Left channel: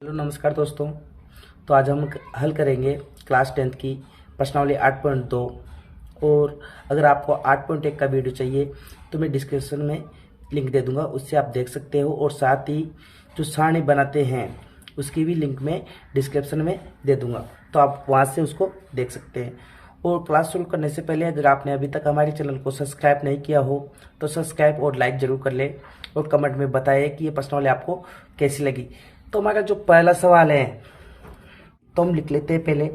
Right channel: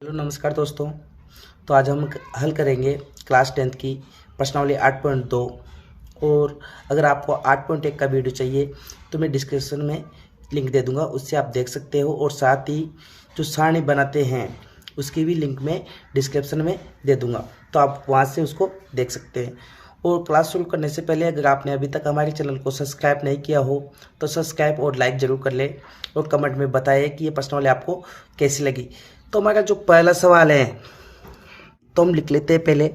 Hello नमस्कार दोस्तों। तो आज हम हल करेंगे क्लास 10th की प्रश्नावली 8.2। और अगर आपको 8.1 का वीडियो चाहिए तो मैं डिस्क्रिप्शन में लिंक दे दूंगा, उससे आप देख सकते हो। और साथ ही जो सारणी बनाते हैं उसकी भी लिंक मैं डिस्क्रिप्शन में दे दूंगा, तो आप वहां से उसको देख सकते हैं। और क्लास शुरू करने से पहले अगर आपने अभी तक हमारे चैनल को सब्सक्राइब नहीं किया हो तो सब्सक्राइब और लाइक ज़रूर कर ले, और कमेंट में बताइए कि ये प्रश्नावली आपको कैसी लगी। तो हमारा जो पहला सवाल है तो हम लिख लेते हैं। पहले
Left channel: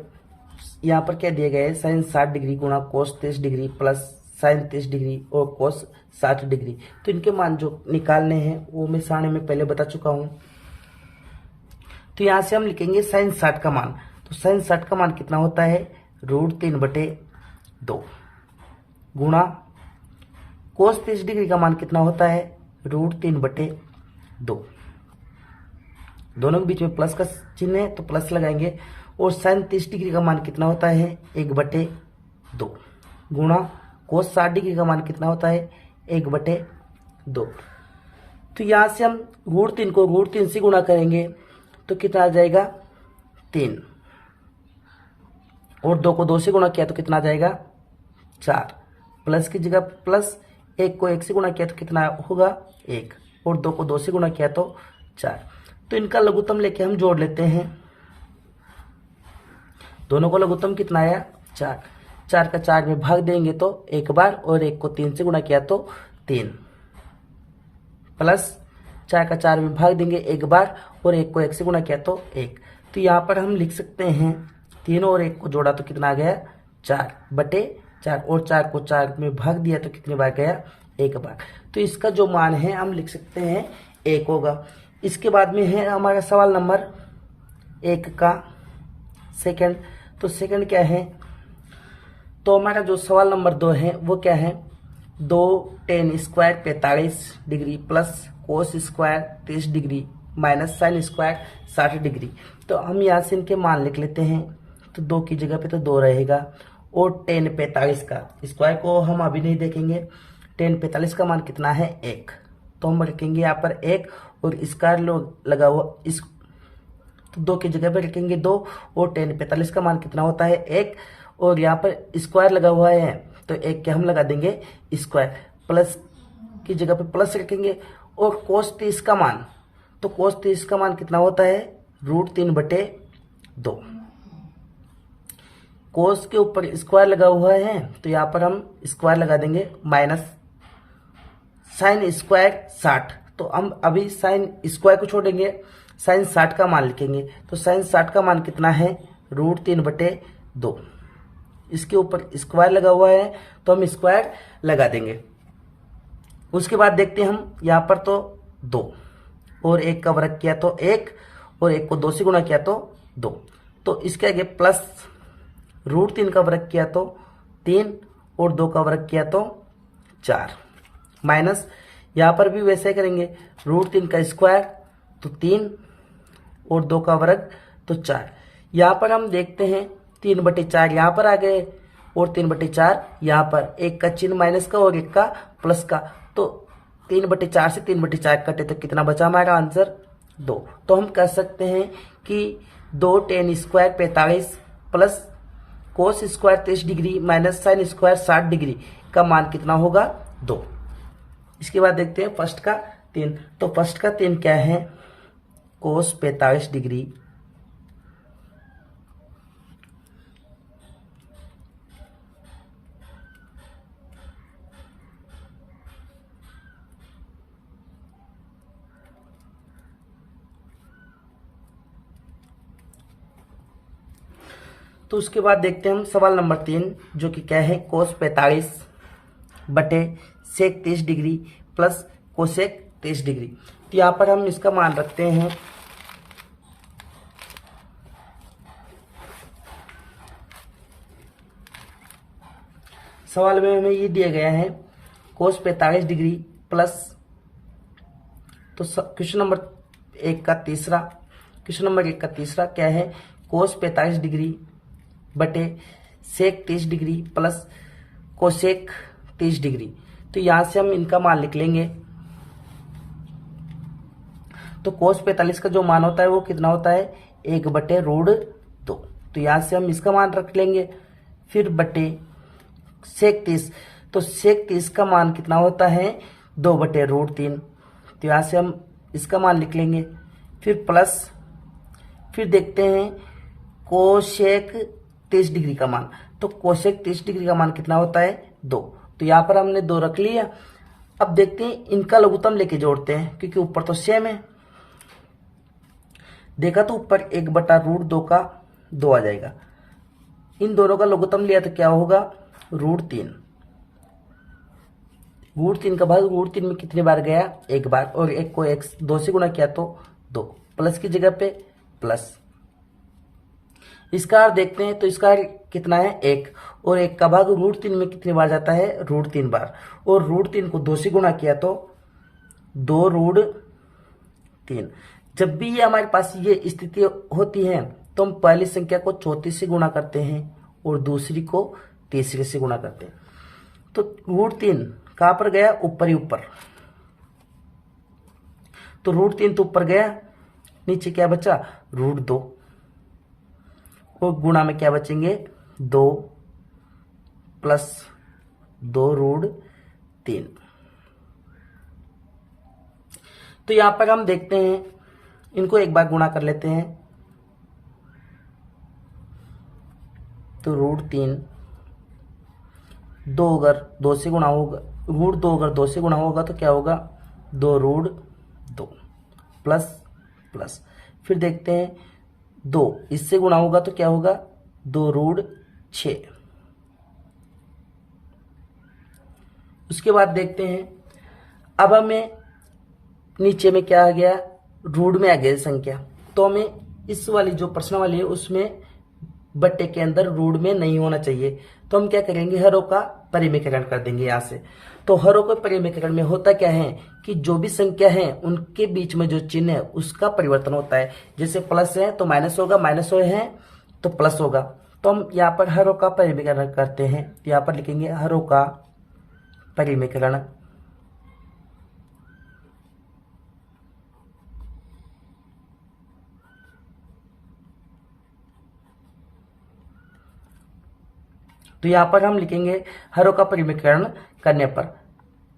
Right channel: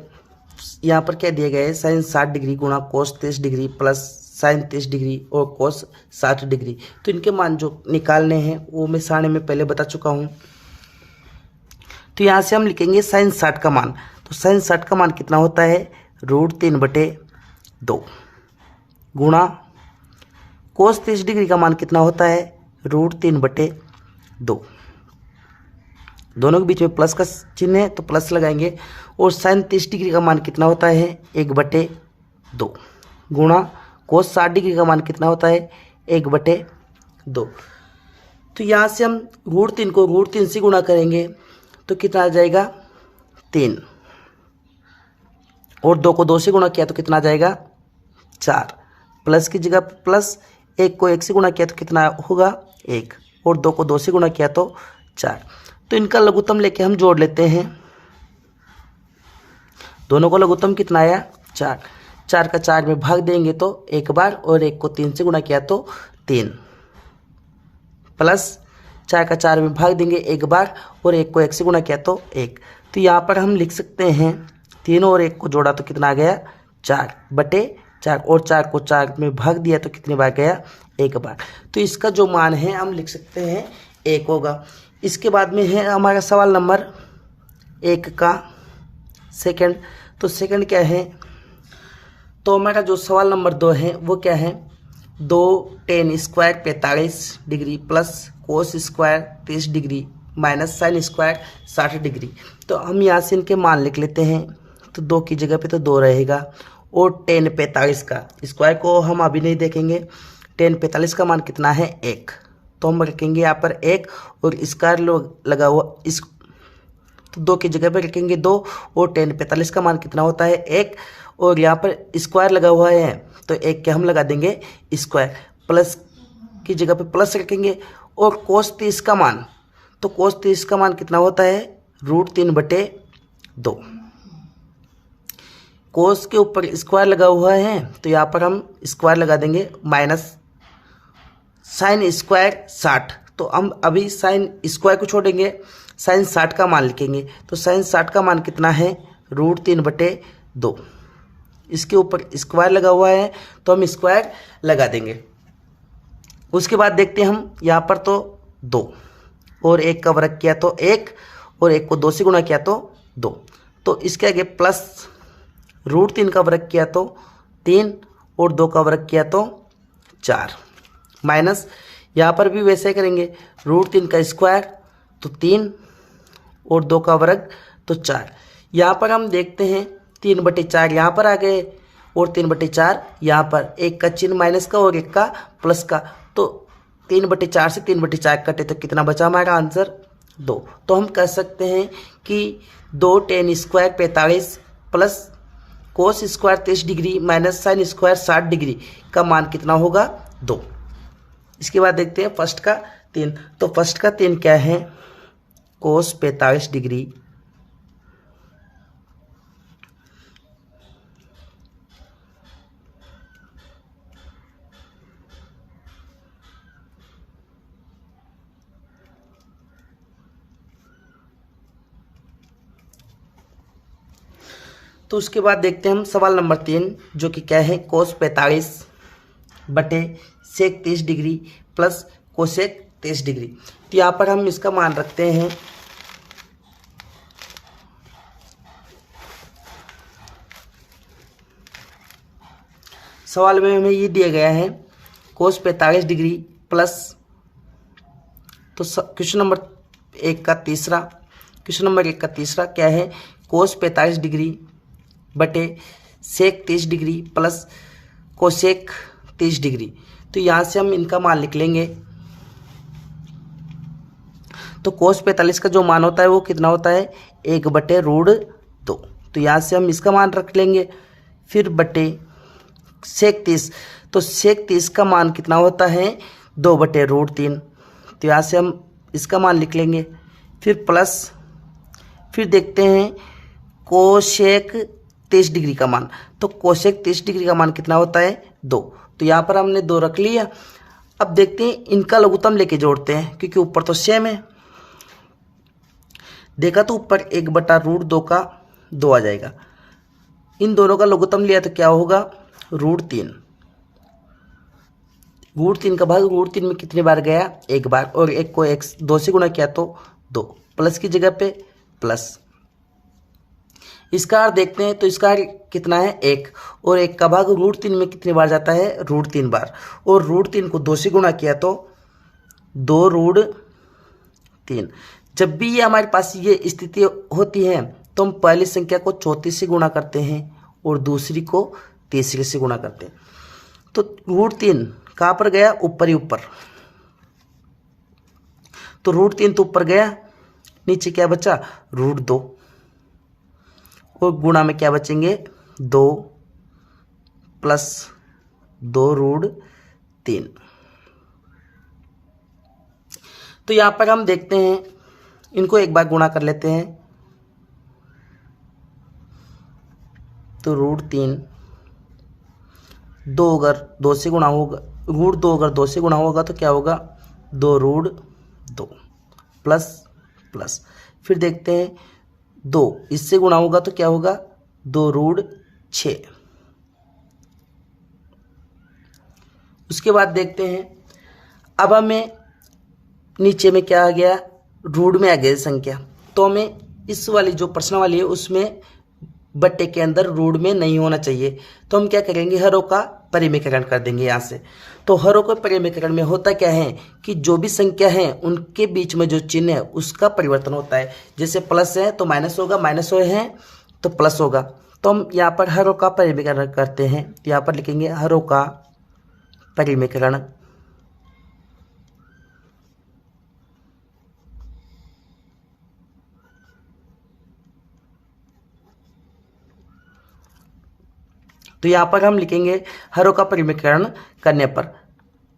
यहाँ पर क्या दिया गया है, साइन 60 डिग्री गुणा कोस 30 डिग्री प्लस साइन 30 डिग्री और कोस 60 डिग्री। तो इनके मान जो निकालने हैं वो मैं सारणी में पहले बता चुका हूँ। तो यहाँ से हम लिखेंगे साइन 60 का मान। तो साइन 60 का मान कितना होता है, √3/2 गुणा कोस 30 डिग्री का मान कितना होता है, √3/2। दोनों के बीच में प्लस का चिन्ह है तो प्लस लगाएंगे। और साइन 30 डिग्री का मान कितना होता है, 1/2 गुणा कोस 60 डिग्री का मान कितना होता है, 1/2। तो यहाँ से हम √3 को √3 से गुणा करेंगे तो कितना आ जाएगा, 3। और 2 को 2 से गुणा किया तो कितना आ जाएगा, 4। प्लस की जगह प्लस, 1 को 1 से गुणा किया तो कितना होगा, 1। और 2 को 2 से गुणा किया तो 4। तो इनका लघुत्तम लेके हम जोड़ लेते हैं। दोनों को लघुत्तम कितना आया, 4। 4 का 4 में भाग देंगे तो 1 बार, और 1 को 3 से गुणा किया तो 3, प्लस 4 का 4 में भाग देंगे 1 बार, और 1 को 1 से गुणा किया तो 1। तो यहाँ पर हम लिख सकते हैं 3 और 1 को जोड़ा तो कितना आ गया, 4/4। और 4 को 4 में भाग दिया तो कितनी बार गया, 1 बार। तो इसका जो मान है हम लिख सकते हैं 1 होगा। इसके बाद में है हमारा सवाल नंबर 1 का सेकंड। तो सेकंड क्या है, तो हमारा जो सवाल नंबर 2 है वो क्या है, 2 tan square 45 degree plus cos square 30 degree minus sine square 60 degree. तो हम यहाँ से इनके मान लिख लेते हैं। तो 2 की जगह पे तो 2 रहेगा, और tan 45 का स्क्वायर को हम अभी नहीं देखेंगे। tan 45 का मान कितना है, 1। तो हम रखेंगे यहाँ पर 1, और स्क्वायर लगा हुआ इस, तो 2 की जगह पे रखेंगे 2, और tan 45 का मान कितना होता है, 1। और यहाँ पर स्क्वायर लगा हुआ है तो 1 के हम लगा देंगे स्क्वायर, प्लस की जगह पे प्लस रखेंगे। और कोस 30 का मान, तो कोस 30 का मान कितना होता है, √3/2। कोस के ऊपर स्क्वायर लगा हुआ है तो यहाँ पर हम स्क्वायर लगा देंगे, माइनस साइन स्क्वायर 60। तो हम अभी साइन स्क्वायर को छोड़ेंगे, साइन 60 का मान लिखेंगे। तो साइन 60 का मान कितना है, √3/2। इसके ऊपर स्क्वायर लगा हुआ है तो हम स्क्वायर लगा देंगे। उसके बाद देखते हैं हम यहाँ पर, तो 2 और 1 का वर्ग किया तो 1, और 1 को 2 से गुणा किया तो 2। तो इसके आगे प्लस √3 का वर्ग किया तो 3, और 2 का वर्ग किया तो 4, माइनस यहाँ पर भी वैसे करेंगे, √3 का स्क्वायर तो 3, और 2 का वर्ग तो 4। यहाँ पर हम देखते हैं 3/4 यहाँ पर आ गए, और 3/4 यहाँ पर, 1 का चिन्ह माइनस का और 1 का प्लस का। तो 3/4 से 3/4 कटे तो कितना बचा हमारा आंसर, 2। तो हम कह सकते हैं कि 2 tan square 45 plus cos square 30 degree minus sine square 60 degree का मान कितना होगा, 2। इसके बाद देखते हैं फर्स्ट का 3। तो फर्स्ट का 3 क्या है, कोस 45 डिग्री तो उसके बाद देखते हैं हम सवाल नंबर 3, जो कि क्या है, कोस 45/सेक 30 डिग्री प्लस कोसेक 30 डिग्री। तो यहाँ पर हम इसका मान रखते हैं। सवाल में हमें ये दिया गया है कोस 45 डिग्री प्लस, तो क्वेश्चन नंबर 1 का तीसरा, क्वेश्चन नंबर 1 का तीसरा क्या है, कोस 45 डिग्री बटे सेक 30 डिग्री प्लस कोसेक 30 डिग्री। तो यहाँ से हम इनका मान लिख लेंगे। तो cos 45 का जो मान होता है वो कितना होता है 1/√2। तो यहाँ से हम इसका मान रख लेंगे। फिर बटे sec 30, तो sec 30 का मान कितना होता है 2/√3। तो यहाँ से हम इसका मान लिख लेंगे। फिर प्लस, फिर देखते हैं कोशेक 30 डिग्री का मान। तो कोशेक 30 डिग्री का मान कितना होता है 2। तो यहाँ पर हमने 2 रख लिया। अब देखते हैं इनका लघुत्तम लेके जोड़ते हैं, क्योंकि ऊपर तो सेम है। देखा तो ऊपर 1/√2 का 2 आ जाएगा। इन दोनों का लघुत्तम लिया तो क्या होगा √3। √3 का भाग √3 में कितनी बार गया 1 बार, और 1 को 2 से गुणा किया तो 2, प्लस की जगह पे प्लस। इसका अर्थ देखते हैं, तो इसका कितना है 1, और 1 का भाग √3 में कितनी बार जाता है √3 बार, और √3 को 2 से गुणा किया तो 2√3। जब भी ये हमारे पास ये स्थिति होती है तो हम पहली संख्या को 34 से गुणा करते हैं और दूसरी को तीसरे से गुणा करते हैं। तो √3 कहाँ पर गया ऊपर ही ऊपर, तो √3 तो ऊपर गया, नीचे क्या बचा √2, और गुणा में क्या बचेंगे 2 प्लस 2√3। तो यहाँ पर हम देखते हैं, इनको एक बार गुणा कर लेते हैं। तो √3 2 अगर 2 से गुणा होगा, √2 अगर 2 से गुणा होगा तो क्या होगा 2√2 प्लस प्लस। फिर देखते हैं 2 इससे गुणा होगा तो क्या होगा 2√6। उसके बाद देखते हैं, अब हमें नीचे में क्या आ गया रूट में आ गया संख्या, तो हमें इस वाली जो प्रश्न वाली है उसमें बट्टे के अंदर रूट में नहीं होना चाहिए। तो हम क्या करेंगे हरों का परिमीकरण कर देंगे यहाँ से। तो हरों के परिमीकरण में होता क्या है कि जो भी संख्या है उनके बीच में जो चिन्ह है उसका परिवर्तन होता है। जैसे प्लस है तो माइनस होगा, माइनस है तो प्लस होगा। तो हम यहाँ पर हरों का परिमीकरण करते हैं। यहाँ पर लिखेंगे हरों का परिमीकरण। तो यहाँ पर हम लिखेंगे हरों का परिमीकरण करने पर,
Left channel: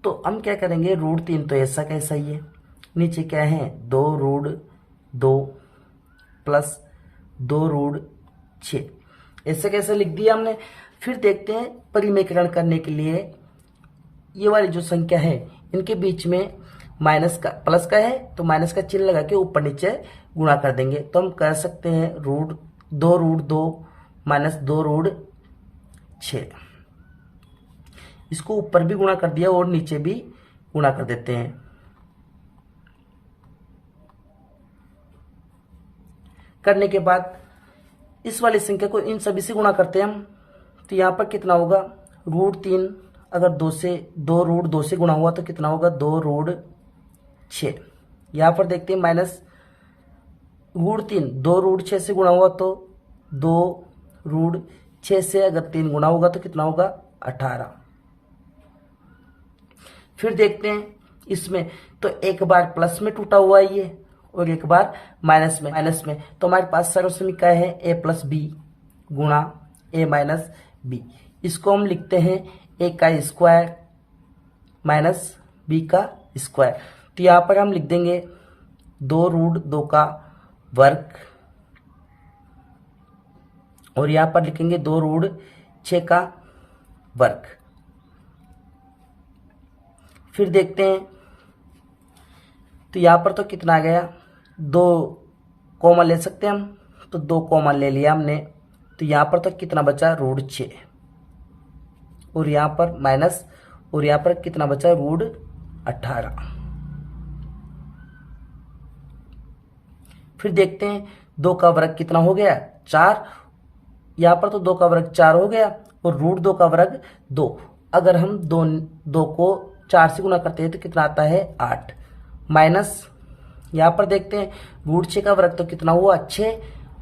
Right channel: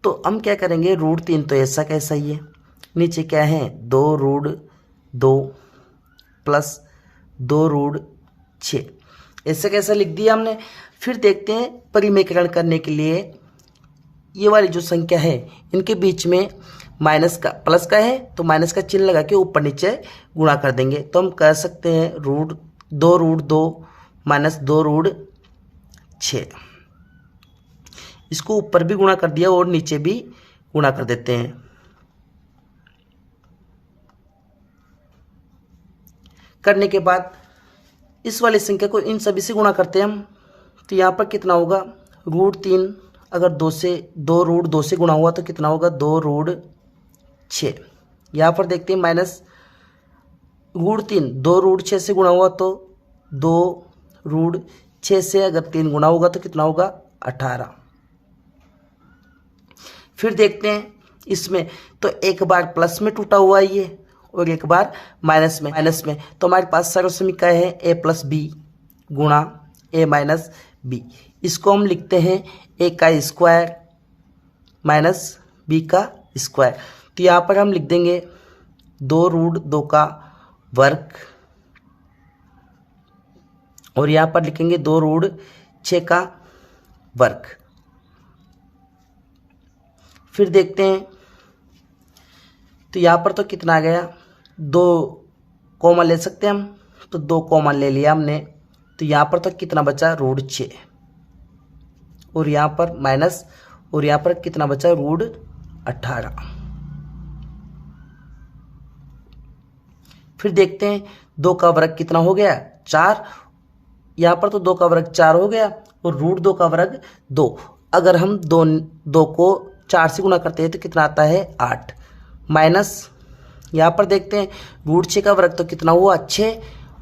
तो हम क्या करेंगे √3 तो ऐसा कैसा ही है, नीचे क्या है 2√2 प्लस 2√6 ऐसा कैसा लिख दिया हमने। फिर देखते हैं परिमीकरण करने के लिए ये वाली जो संख्या है इनके बीच में माइनस का प्लस का है तो माइनस का चिन्ह लगा के ऊपर नीचे गुणा कर देंगे। तो हम कह सकते हैं √2 माइनस 2√6, इसको ऊपर भी गुणा कर दिया और नीचे भी गुणा कर देते हैं। करने के बाद इस वाली संख्या को इन सभी से गुणा करते हैं हम। तो यहाँ पर कितना होगा √3 अगर 2√2 से गुणा हुआ तो कितना होगा 2√6। यहाँ पर देखते हैं माइनस √3 2√6 से गुणा हुआ तो 2√6 से अगर 3 गुणा होगा तो कितना होगा 18। फिर देखते हैं इसमें तो एक बार प्लस में टूटा हुआ है ये और एक बार माइनस में। तो हमारे पास सर्वसमीका है a+b गुणा a - b। इसको हम लिखते हैं a का स्क्वायर माइनस b का स्क्वायर। तो यहाँ पर हम लिख देंगे 2√2 का वर्ग और यहाँ पर लिखेंगे 2√6 का वर्ग। फिर देखते हैं तो यहाँ पर तो कितना आ गया 2 कॉमन ले सकते हैं हम, तो 2 कॉमन ले लिया हमने। तो यहाँ पर तो कितना बचा √6 और यहाँ पर माइनस और यहाँ पर कितना बचा √18। फिर देखते हैं 2 का वर्ग कितना हो गया 4। यहाँ पर तो 2 का वर्ग 4 हो गया और √2 का वर्ग 2। अगर हम 2 को 4 से गुणा करते हैं तो कितना आता है 8 माइनस यहाँ पर देखते हैं √6 का वर्ग तो कितना हुआ 6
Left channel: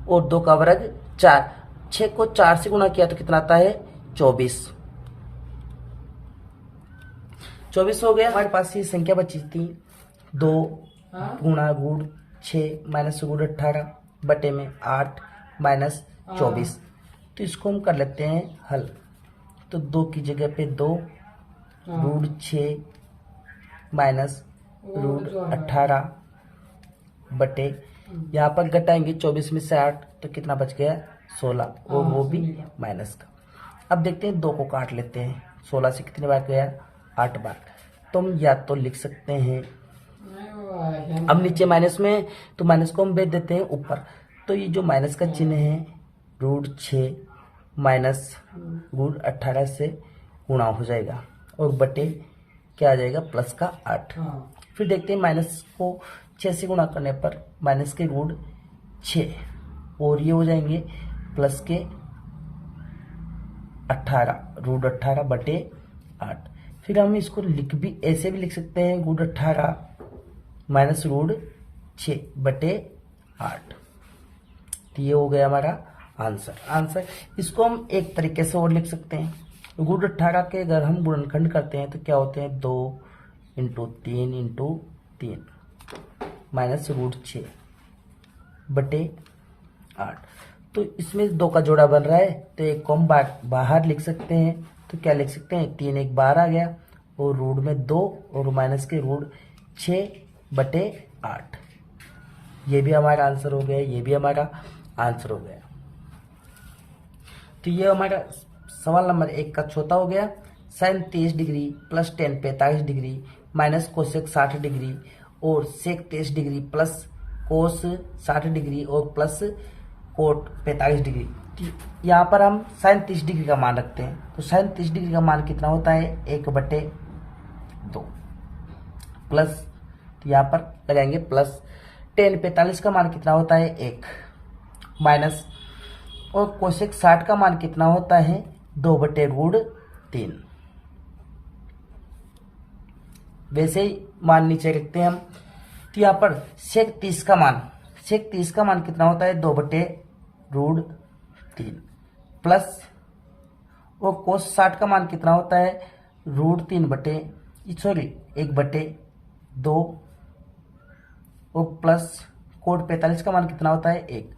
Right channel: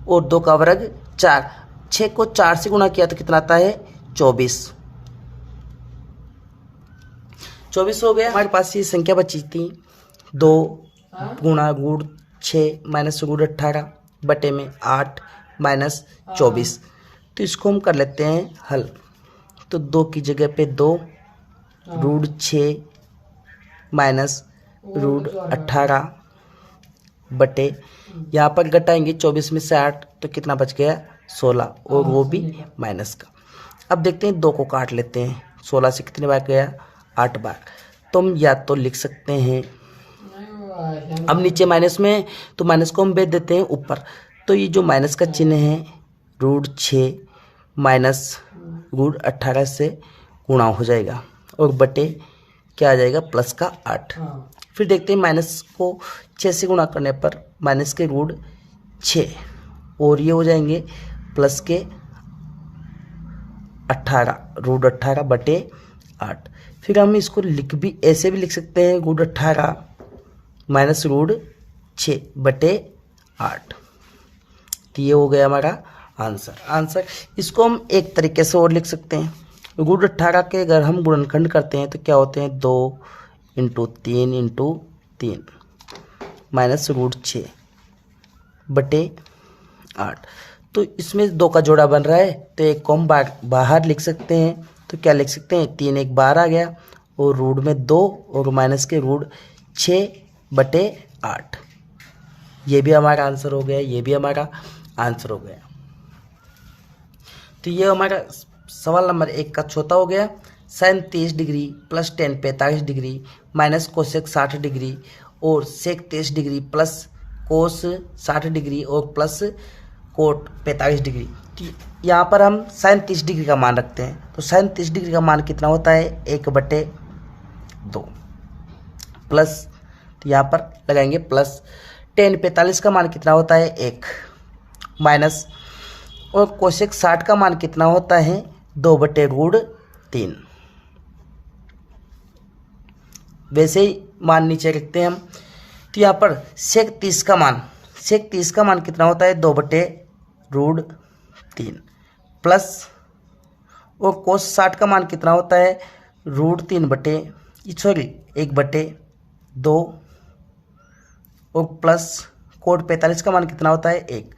और 2 का वर्ग 4। 6 को 4 से गुणा किया तो कितना आता है 24 हो गया। हमारे पास ये संख्या बची थी 2 गुणा रूट 6 माइनस रूट 18 बटे में 8 माइनस 24। तो इसको हम कर लेते हैं हल। तो 2 की जगह पे 2 रूट 6 माइनस रूट 18 बटे, यहाँ पर घटाएंगे 24 में से 8 तो कितना बच गया 16, और वो भी माइनस का। अब देखते हैं 2 को काट लेते हैं। 16 से कितने बार गया 8 बार। तो हम या तो लिख सकते हैं, अब नीचे माइनस में तो माइनस को हम भेज देते हैं ऊपर। तो ये जो माइनस का चिन्ह है रूट 6 माइनस रूट 18 से गुणा हो जाएगा, और बटे क्या आ जाएगा प्लस का 8। फिर देखते हैं माइनस को 6 से गुणा करने पर माइनस के रूट 6, और ये हो जाएंगे प्लस के 18 रूट 18 बटे 8। फिर हम इसको ऐसे भी लिख सकते हैं रूट 18 माइनस रूट 6 बटे 8। तो ये हो गया हमारा आंसर। इसको हम एक तरीके से और लिख सकते हैं। रूट 18 के अगर हम गुणनखंड करते हैं तो क्या होते हैं 2 इंटू 3 माइनस रूट 6 बटे 8। तो इसमें 2 का जोड़ा बन रहा है, तो एक को हम बाहर लिख सकते हैं। तो क्या लिख सकते हैं 3 एक बाहर आ गया, और रूट में 2 और माइनस के रूट 6 बटे 8। ये भी हमारा आंसर हो गया, ये भी हमारा आंसर हो गया। तो ये हमारा सवाल नंबर 1 का चौथा हो गया। sin 30 degree plus tan 45 degree minus cosec 60 degree और सेक 30 डिग्री प्लस कोस 60 डिग्री और प्लस कोट 45 डिग्री। तो यहाँ पर हम sin 30 डिग्री का मान रखते हैं। तो sin 30 डिग्री का मान कितना होता है 1/2 प्लस, तो यहाँ पर लगाएंगे प्लस। tan 45 का मान कितना होता है 1 माइनस, और कोसेक 60 का मान कितना होता है 2/√3। वैसे ही मान नीचे रखते हैं हम। तो यहाँ पर सेक 30 का मान कितना होता है 2/√3 प्लस, और कोस 60 का मान कितना होता है 1/2 और प्लस कोट 45 का मान कितना होता है 1।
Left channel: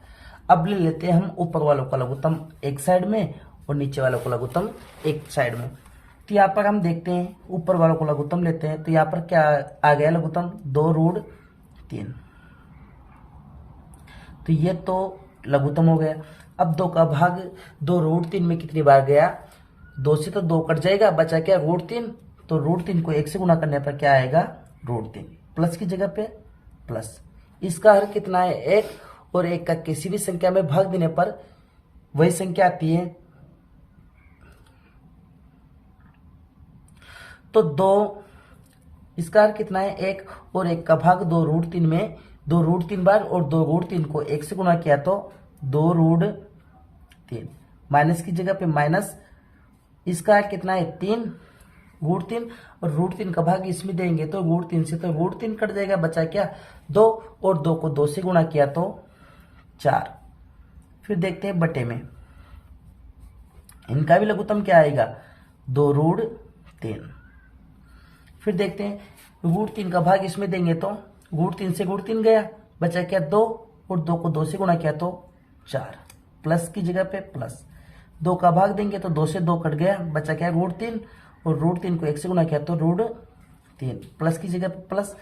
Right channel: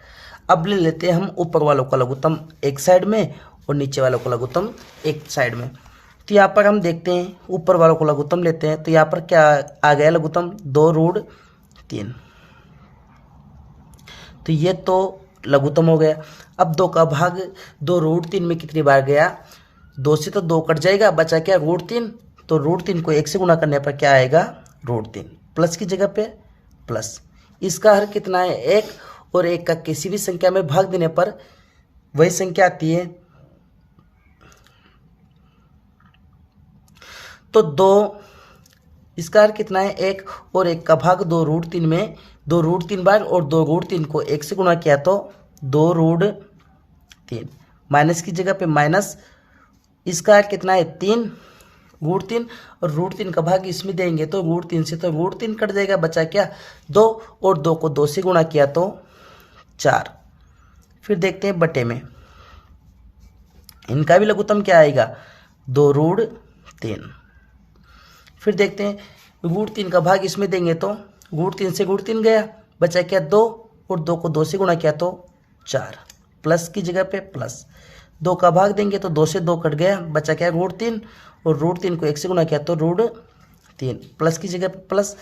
अब ले लेते हैं हम ऊपर वालों का लघुत्तम एक साइड में और नीचे वालों का लघुत्तम एक साइड में। तो यहाँ पर हम देखते हैं ऊपर वालों को लघुत्तम लेते हैं। तो यहाँ पर क्या आ गया लघुत्तम 2√3। तो ये तो लघुत्तम हो गया। अब 2 का भाग 2√3 में कितनी बार गया, 2 से तो 2 कट जाएगा, बचा क्या √3। तो √3 को 1 से गुणा करने पर क्या आएगा √3, प्लस की जगह पे प्लस। इसका हर कितना है 1, और 1 का किसी भी संख्या में भाग देने पर वही संख्या आती है। तो 2, इसका हर कितना है 1, और 1 का भाग 2√3 में 2√3 बार, और 2√3 को 1 से गुणा किया तो 2√3 माइनस की जगह पे माइनस। इसका हर कितना है 3√3, और √3 का भाग इसमें देंगे तो √3 से तो √3 कट जाएगा, बचा क्या 2, और 2 को 2 से गुणा किया तो 4। फिर देखते हैं बटे में, इनका भी लघुत्तम क्या आएगा 2√3। फिर देखते हैं √3 का भाग इसमें देंगे तो √3 से √3 गया, बचा क्या 2, और 2 को 2 से गुणा किया तो 4, प्लस की जगह पे प्लस। 2 का भाग देंगे तो 2 से 2 कट गया, बचा क्या √3, और √3 को 1 से गुणा किया तो √3, प्लस की जगह पे प्लस।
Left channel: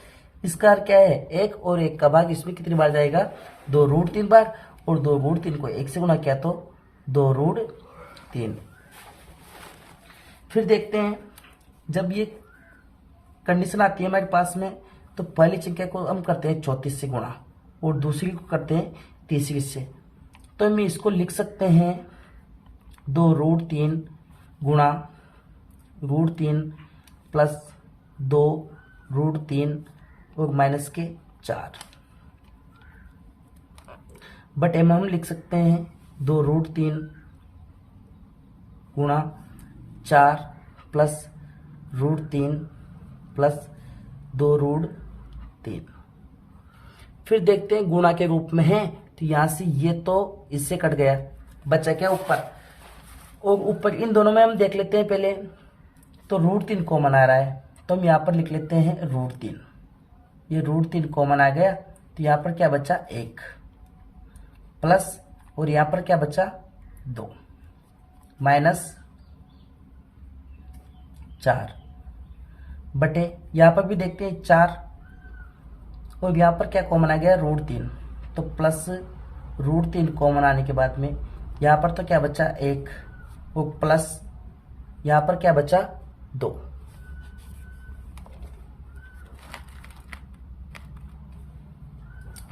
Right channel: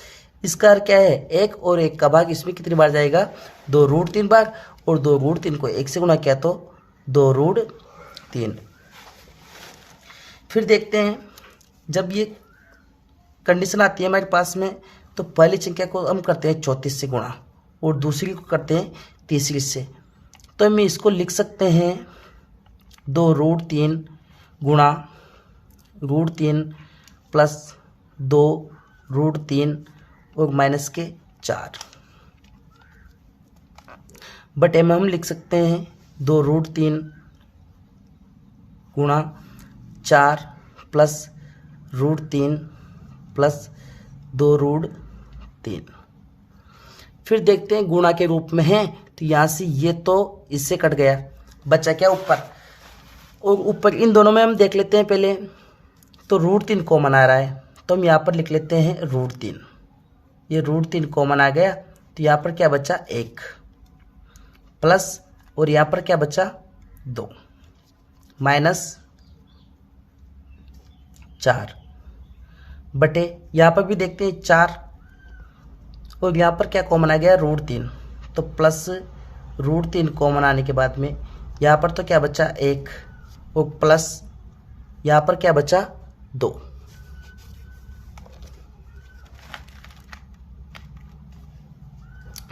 इसका अर्थ क्या है 1, और 1 का भाग इसमें कितनी बार जाएगा 2√3 बार, और 2√3 को 1 से गुणा किया तो 2√3। फिर देखते हैं जब ये कंडीशन आती है हमारे पास में, तो पहली संख्या को हम करते हैं 34 से गुणा, और दूसरी को करते हैं तीसरी से। तो हम इसको लिख सकते हैं 2√3 गुणा √3 प्लस 2√3 और माइनस के 4 बटे में हम लिख सकते हैं 2√3 गुणा 4 प्लस √3 प्लस 2√3। फिर देखते हैं गुणा के रूप में है, तो यहाँ से ये तो इससे कट गया, बचा क्या ऊपर, और ऊपर इन दोनों में हम देख लेते हैं पहले। तो √3 कॉमन आ रहा है, तो हम यहाँ पर लिख लेते हैं √3 ये √3 कॉमन आ गया, तो यहाँ पर क्या बचा 1 प्लस, और यहाँ पर क्या बचा 2 माइनस 4 बटे, यहाँ पर भी देखते हैं 4, और यहाँ पर क्या कॉमन आ गया √3, तो प्लस √3 कॉमन आने के बाद में यहाँ पर तो क्या बचा 1 और प्लस यहाँ पर क्या बचा 2।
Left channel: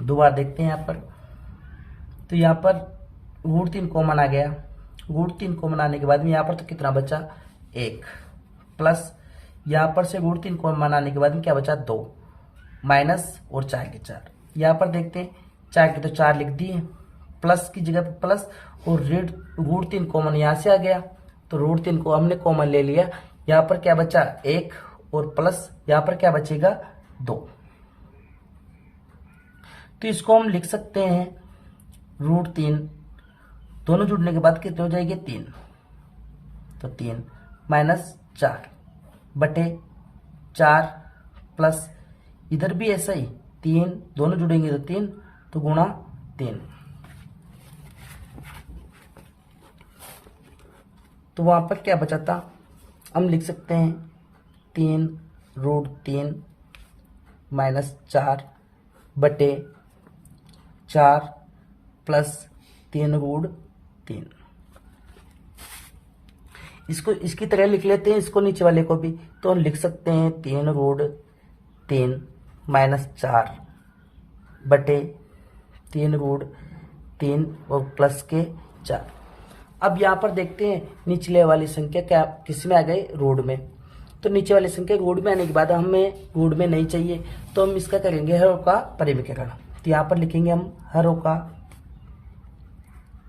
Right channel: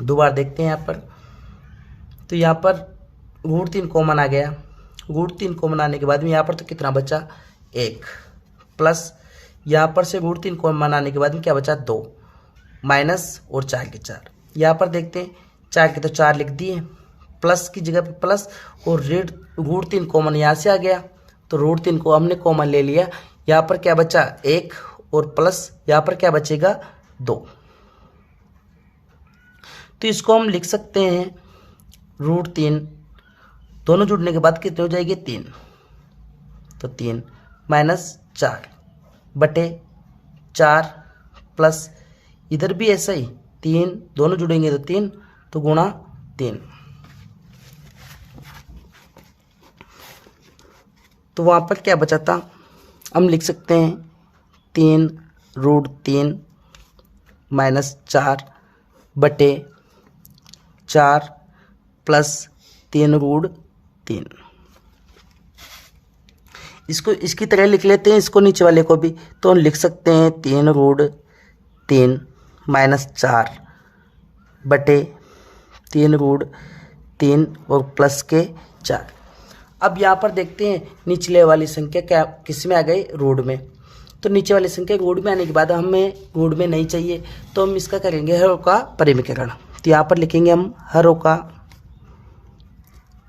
दोबारा देखते हैं यहाँ पर, तो यहाँ पर √3 कॉमन आ गया, √3 कॉमन आने के बाद में यहाँ पर तो कितना बचा 1 प्लस, यहाँ पर से √3 कॉमन आने के बाद में क्या बचा 2 माइनस, और 4 के 4। यहाँ पर देखते हैं 4 के तो 4 लिख दिए, प्लस की जगह पे प्लस, और √3 कॉमन यहाँ से आ गया, तो √3 को हमने कॉमन ले लिया। यहाँ पर क्या बचा 1 और प्लस यहाँ पर क्या बचेगा 2। तो इसको हम लिख सकते हैं √3 दोनों जुड़ने के बाद कितने हो जाएंगे 3, तो 3 माइनस 4 बटे 4 प्लस, इधर भी ऐसा ही 3 दोनों जुड़ेंगे तो 3, तो गुणा 3, तो वहाँ पर क्या बचा था, हम लिख सकते हैं 3 √3 माइनस 4 बटे 4 प्लस 3 √3। इसको इसकी तरह लिख लेते हैं, इसको नीचे वाले को भी, तो हम लिख सकते हैं 3 √3 माइनस 4 बटे 3 √3 और प्लस के 4। अब यहाँ पर देखते हैं निचले वाली संख्या क्या किस में आ गई, रूट में। तो नीचे वाली संख्या रूट में आने के बाद हमें रूट में नहीं चाहिए, तो हम इसका करेंगे हरों का परिमीकरण। तो यहाँ पर लिखेंगे हम हरों का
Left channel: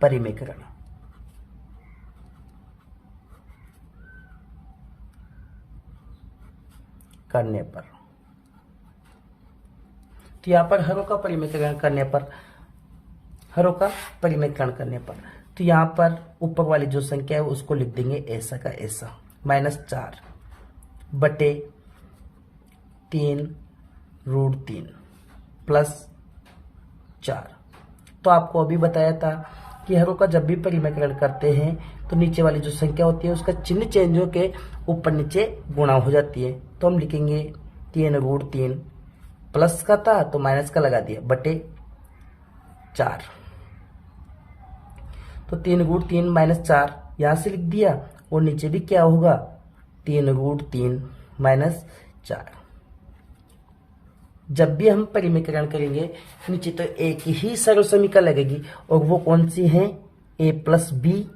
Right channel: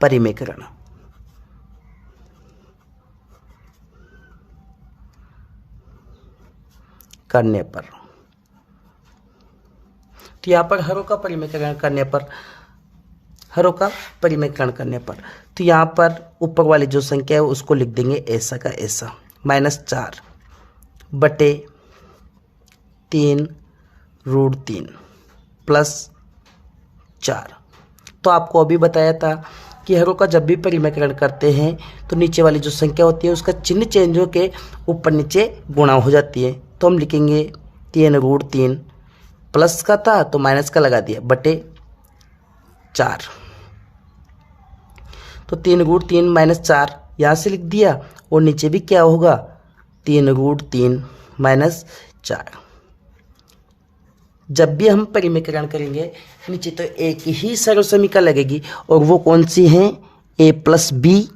परिमीकरण। करने पर, तो यहाँ पर हरों का परिमीकरण करने पर, हरों का परिमीकरण करने पर, तो यहाँ पर ऊपर वाली जो संख्या है उसको लिख देंगे ऐसा का ऐसा, माइनस 4 बटे 3 √3 प्लस 4। तो आपको अभी बताया था कि हरों का जब भी परिमीकरण करते हैं तो नीचे वाली जो संख्या होती है उसका चिन्ह चेंज होकर ऊपर नीचे गुणा हो जाती है। तो हम लिखेंगे 3 √3, प्लस का था तो माइनस का लगा दिया, बटे 4, तो 3 √3 माइनस 4 यहाँ से लिख दिया, और नीचे भी क्या होगा 3 √3 माइनस 4। जब भी हम परिमीकरण करेंगे नीचे तो एक ही सर्वसमीका लगेगी, और वो कौन सी है, a प्लस बी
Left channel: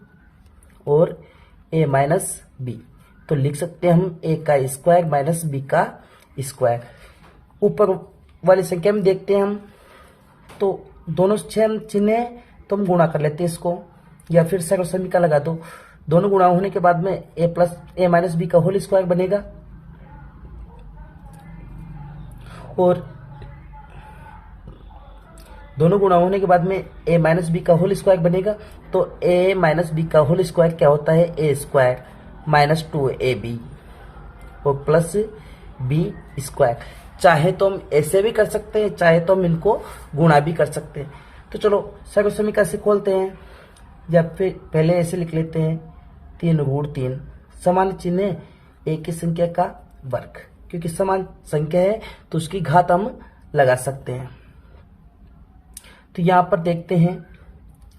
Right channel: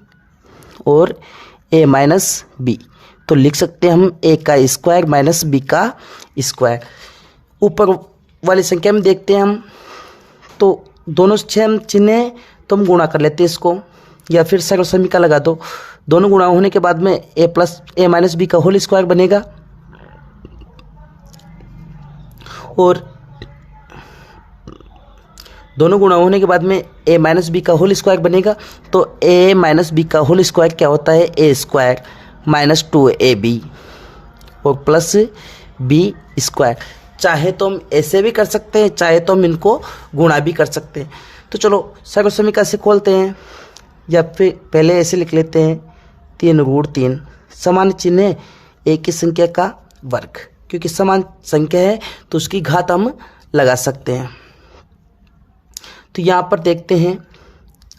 और a माइनस बी। तो लिख सकते हैं हम a का स्क्वायर माइनस b का स्क्वायर। ऊपर वाली संख्या में देखते हैं हम, तो दोनों चिन्ह हैं तो हम गुणा कर लेते हैं इसको, या फिर सर्वसमीका लगा दो। दोनों गुणा होने के बाद में a माइनस बी का होल स्क्वायर बनेगा, और दोनों गुणा होने के बाद में a माइनस बी का होल स्क्वायर बनेगा। तो a माइनस बी का होल स्क्वायर क्या होता है, a स्क्वायर माइनस 2ab और प्लस b स्क्वायर। चाहे तो हम ऐसे भी कर सकते हैं, चाहे तो हम इनको गुणा भी कर सकते हैं। तो चलो सर्वसमीका से खोलते हैं, या फिर पहले ऐसे लिख लेते हैं 3 √3 समान चिन्ह है एक ही संख्या का वर्ग, क्योंकि समान संख्या है तो उसकी घात हम लगा सकते हैं। तो यहाँ पर देखते हैं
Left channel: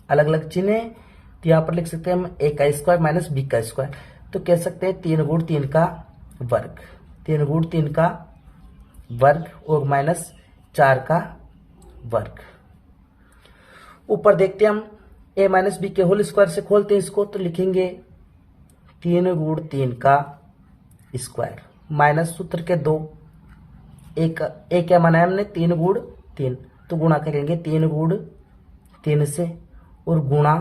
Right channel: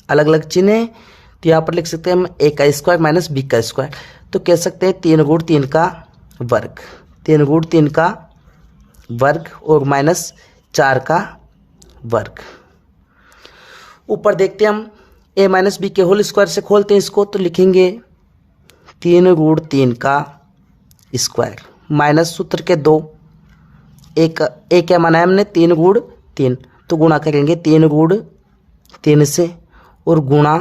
अलग अलग चिन्ह है, तो यहाँ पर लिख सकते हैं हम a का स्क्वायर माइनस b का स्क्वायर। तो कह सकते हैं 3 √3 का वर्ग, 3 √3 का वर्ग और माइनस 4 का वर्ग। ऊपर देखते हैं हम a माइनस बी के होल स्क्वायर से खोलते हैं इसको, तो लिखेंगे 3 √3 का स्क्वायर माइनस सूत्र के 2, एक क्या माना है हमने 3 √3, तो गुणा करेंगे 3 √3 से और गुणा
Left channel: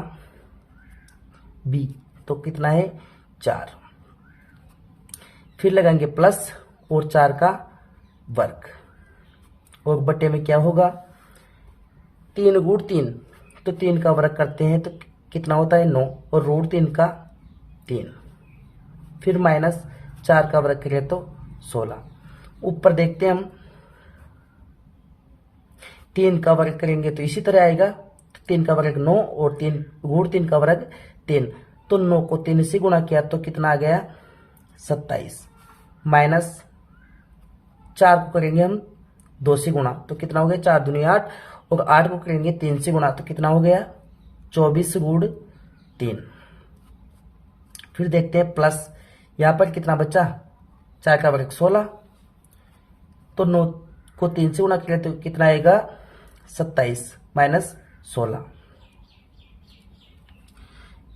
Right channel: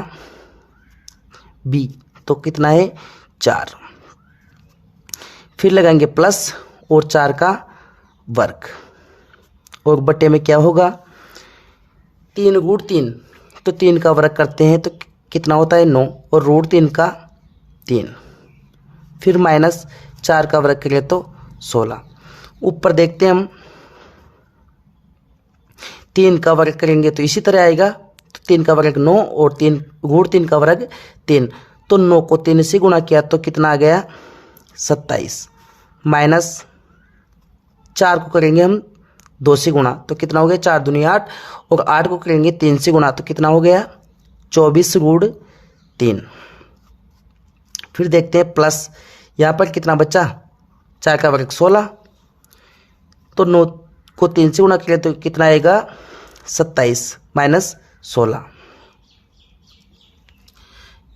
b, तो कितना है 4, फिर लगाएंगे प्लस और 4 का वर्ग, और बटे में क्या होगा 3 √3, तो 3 का वर्ग करते हैं तो कितना होता है 9, और √3 का 3, फिर माइनस 4 का वर्ग करें तो 16। ऊपर देखते हैं हम 3 का वर्ग करेंगे तो इसी तरह आएगा। तो 3 का वर्ग 9 और 3 गुण 3 का वर्ग 3। तो 9 को 3 से गुणा किया तो कितना आ गया 27, माइनस 4 को करेंगे हम 2 से गुणा तो कितना हो गया 4 दूनी 8, और 8 को करेंगे 3 से गुणा तो कितना हो गया 24 गुण 3। फिर देखते हैं प्लस, यहाँ पर कितना बचा 4 का वर्ग 16, तो 9 को 3 से गुणा करें तो कितना आएगा 27 माइनस 16।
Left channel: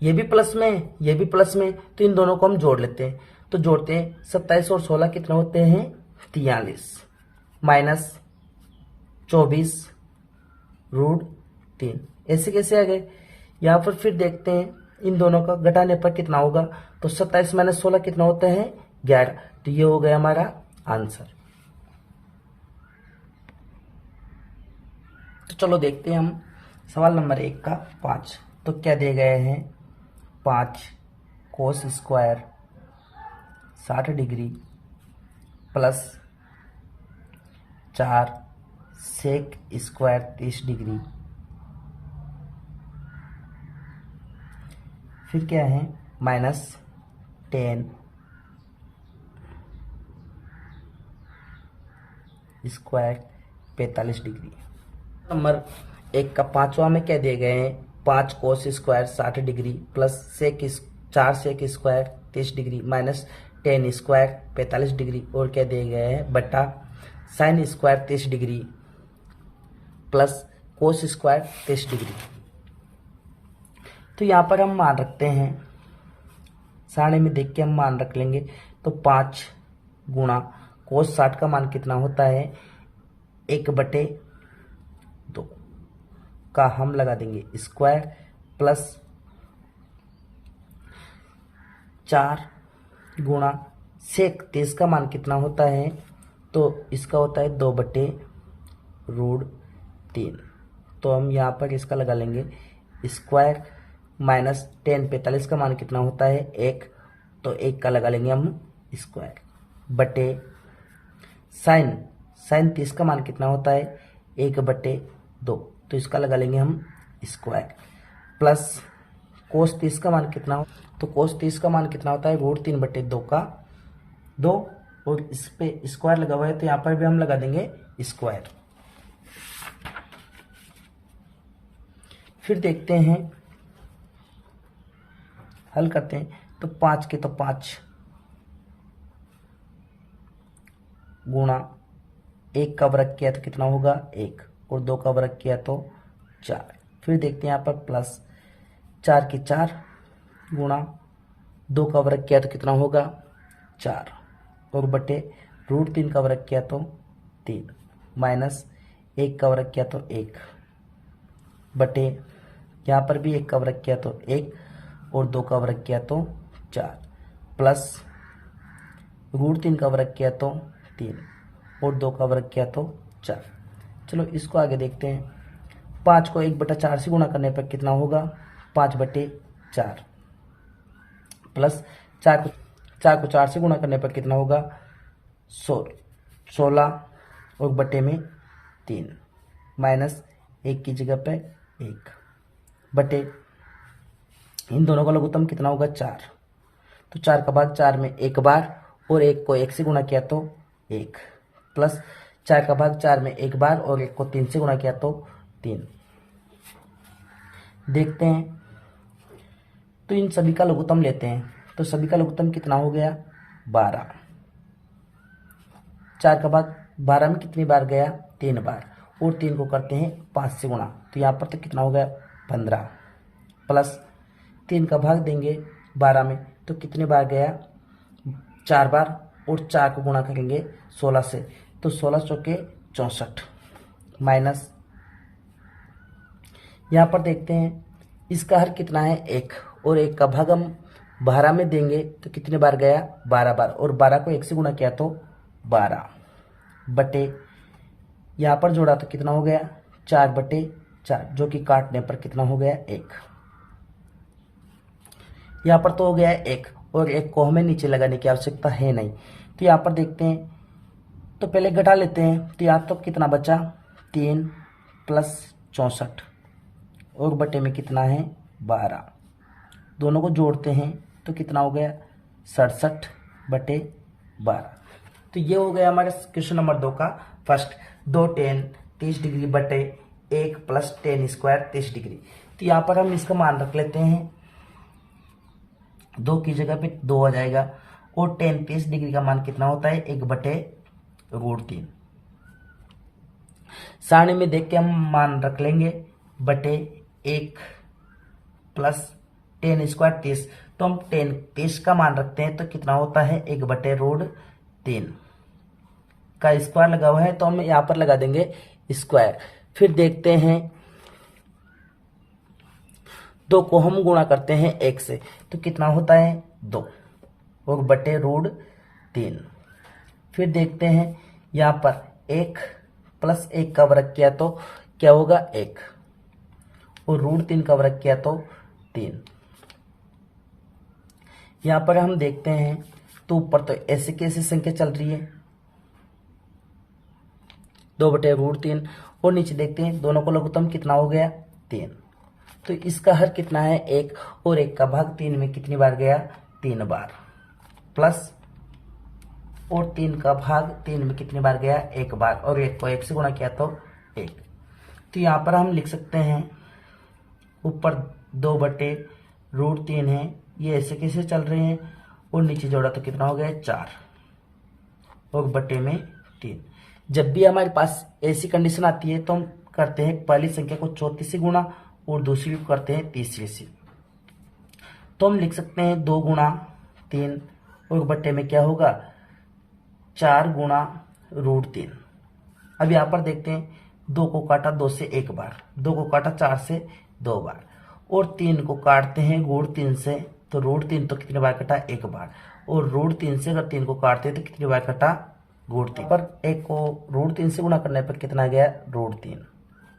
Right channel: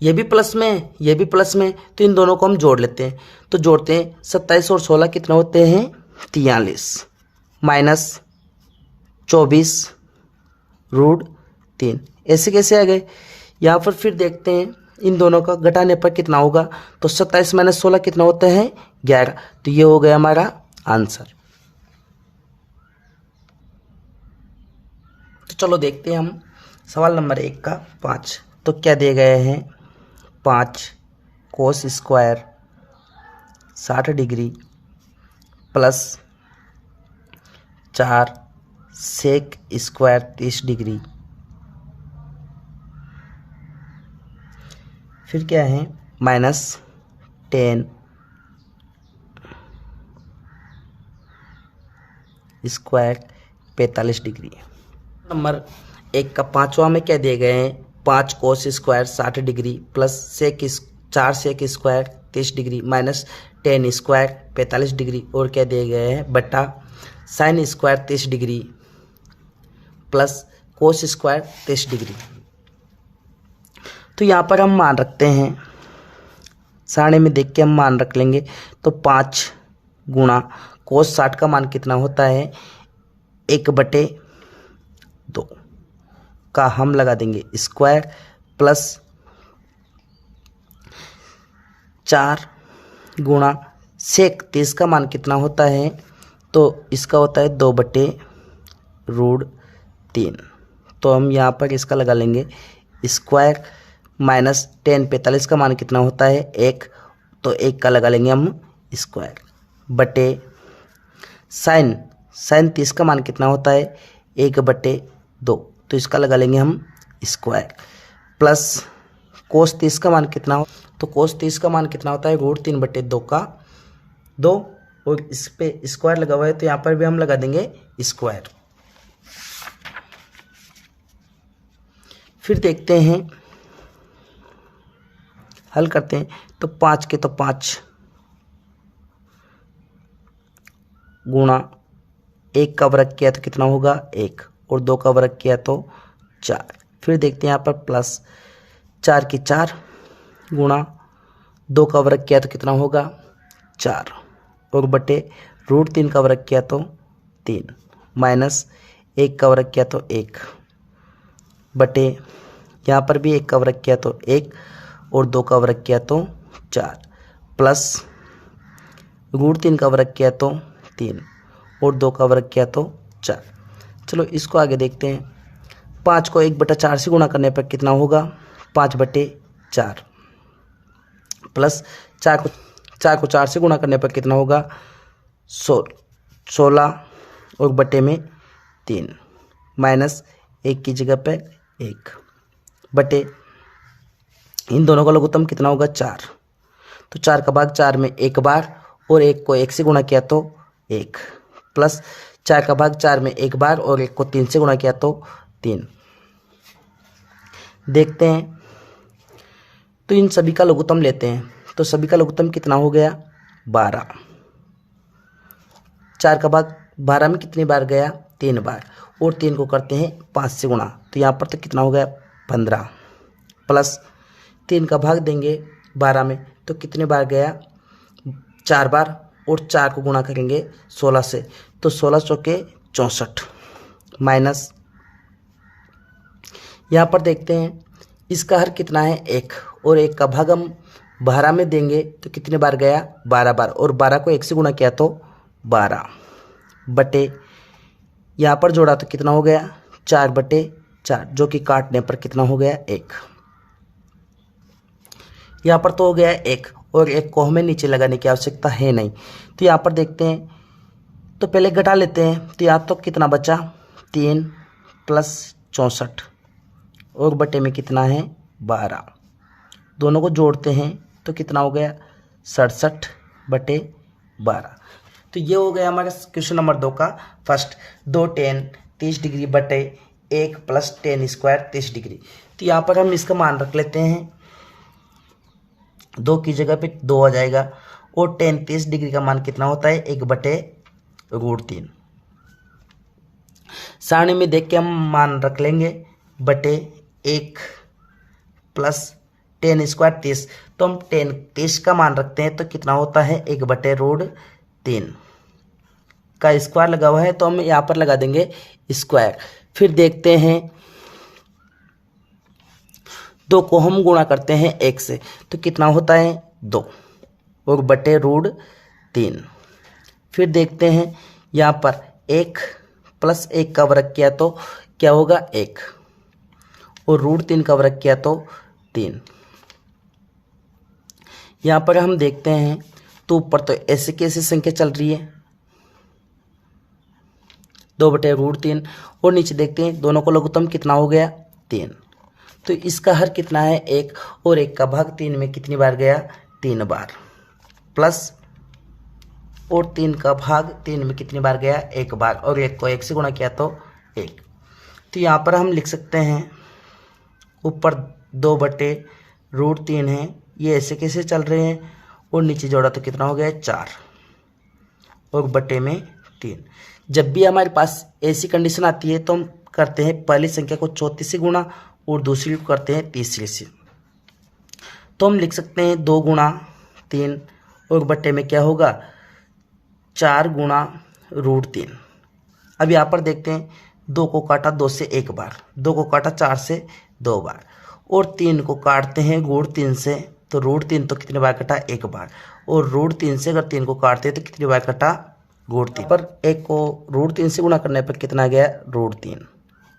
ये भी प्लस में, ये भी प्लस में, तो इन दोनों को हम जोड़ लेते हैं। तो जोड़ते हैं 27 और 16 कितना होते हैं 43, माइनस 24 रूट 3। ऐसे कैसे आ गए। यहाँ पर फिर देखते हैं इन दोनों का घटाने पर कितना होगा। तो 27 माइनस 16 कितना होता है 11। तो ये हो गया हमारा आंसर। तो चलो देखते हैं हम सवाल नंबर 1 का 5। तो क्या दिए गए हैं 5 cos square 60 degree plus 4 sec square 30 degree. फिर क्या है माइनस 10 स्क्वायर 45 डिग्री। नंबर 1 का 5वां में क्या दिए गए हैं 5 cos square 60 degree plus 4 sec square 30 degree minus 10 square 45 degree, और क्या दिए गए हैं बटा sine square 30 degree plus cos square 30 degree. तो यहाँ पर हम मान रखते हैं, सारणी में देख के हम मान रख लेंगे। तो 5 गुणा कोस 60 का मान कितना होता है 1/2 का हम लगा देंगे स्क्वायर प्लस 4 गुणा सेक 30 का मान कितना होता है, तो इसका होता है 2/√3। तो हम यहाँ पर इसका लगा लेंगे स्क्वायर माइनस 10 45 का मान कितना होता है 1, तो 1 का लगा लेंगे हम स्क्वायर बटे साइन 30 का मान कितना होता है 1/2, तो इसका लगा लेंगे हम स्क्वायर प्लस कोस 30 का मान कितना हो, तो कोस 30 का मान कितना होता है √3/2 का 2, और इस पे स्क्वायर लगा हुआ है तो यहाँ पर भी हम लगा देंगे स्क्वायर। फिर देखते हैं हल करते हैं। तो 5 के तो 5 गुणा 1 का वर्ग किया तो कितना होगा 1, और 2 का वर्ग किया तो 4। फिर देखते हैं यहाँ पर प्लस 4 के 4 गुणा 2 का वर्ग किया तो कितना होगा 4, और बटे √3 का वर्ग किया तो 3 माइनस 1 का वर्ग किया तो 1 बटे यहाँ पर भी 1 का वर्ग किया तो 1 और 2 का वर्ग किया तो 4 प्लस √3 का वर्ग किया तो 3 और 2 का वर्ग किया तो 4। चलो इसको आगे देखते हैं। 5 को 1/4 से गुणा करने पर कितना होगा 5/4 प्लस 4 को 4 से गुणा करने पर कितना होगा 16 और बटे में 3 माइनस 1 की जगह पे 1 बटे इन दोनों का लघुत्तम कितना होगा 4। तो 4 का भाग 4 में 1 बार, और 1 को 1 से गुणा किया तो 1 प्लस 4 का भाग 4 में 1 बार और 1 को 3 से गुणा किया तो 3। देखते हैं तो इन सभी का लघुत्तम लेते हैं। तो सभी का लघुत्तम कितना हो गया 12। 4 का भाग 12 में कितनी बार गया 3 बार, और 3 को करते हैं 5 से गुणा तो यहाँ पर तो कितना हो गया 15 प्लस 3 का भाग देंगे 12 में तो कितने बार गया 4 बार, और 4 को गुणा करेंगे 16 से तो 16 चौके 64 माइनस यहाँ पर देखते हैं इसका हर कितना है 1, और 1 का भाग हम 12 में देंगे तो कितने बार गया 12 बार, और 12 को 1 से गुणा किया तो 12 बटे यहाँ पर जोड़ा तो कितना हो गया 4/4, जो कि काटने पर कितना हो गया 1। यहाँ पर तो हो गया 1, और 1 को हमें नीचे लगाने की आवश्यकता है नहीं। तो यहाँ पर देखते हैं तो पहले घटा लेते हैं। तो यहाँ तो कितना बचा 3 प्लस 64 और बटे में कितना है 12। दोनों को जोड़ते हैं तो कितना हो गया 67 बटे 12। तो ये हो गया हमारे क्वेश्चन नंबर 2 का फर्स्ट। 2 tan 30 डिग्री बटे 1 प्लस tan स्क्वायर 30 डिग्री। तो यहाँ पर हम इसका मान रख लेते हैं, 2 की जगह पे 2 आ जाएगा और tan 30 डिग्री का मान कितना होता है 1 बटे √3। सारणी में देख के हम मान रख लेंगे बटे 1 प्लस tan स्क्वायर 30। तो हम tan 30 का मान रखते हैं तो कितना होता है 1 बटे √3 का स्क्वायर लगा हुआ है तो हम यहाँ पर लगा देंगे स्क्वायर। फिर देखते हैं 2 को हम गुणा करते हैं 1 से तो कितना होता है 2 और बटे √3। फिर देखते हैं यहाँ पर 1 प्लस 1 का वर्ग किया तो क्या होगा 1 और √3 का वर्ग किया तो 3। यहाँ पर हम देखते हैं तो ऊपर तो ऐसे कैसे संख्या चल रही है 2 बटे √3 और नीचे देखते हैं दोनों को लघुत्तम कितना हो गया 3। तो इसका हर कितना है 1 और 1 का भाग 3 में कितनी बार गया 3 बार, प्लस और 3 का भाग 3 में कितनी बार गया 1 बार और 1 को 1 से गुणा किया तो 1। तो यहाँ पर हम लिख सकते हैं ऊपर 2 बटे √3 है, ये ऐसे कैसे चल रहे हैं और नीचे जोड़ा तो कितना हो गया 4 और बटे में 3। जब भी हमारे पास ऐसी कंडीशन आती है तो हम करते हैं पहली संख्या को 34 से गुणा और दूसरी को करते हैं 30 से। तो हम लिख सकते हैं 2 गुणा 3 और बटे में क्या होगा 4 गुणा √3। अब यहाँ पर देखते हैं 2 को काटा 2 से 1 बार, 2 को काटा 4 से 2 बार और 3 को काटते हैं √3 से तो √3 तो कितनी बार कटा 1 बार और √3 से अगर 3 को काटते हैं तो कितनी बार कटा √3 पर 1 को √3 से गुणा करने पर कितना गया √3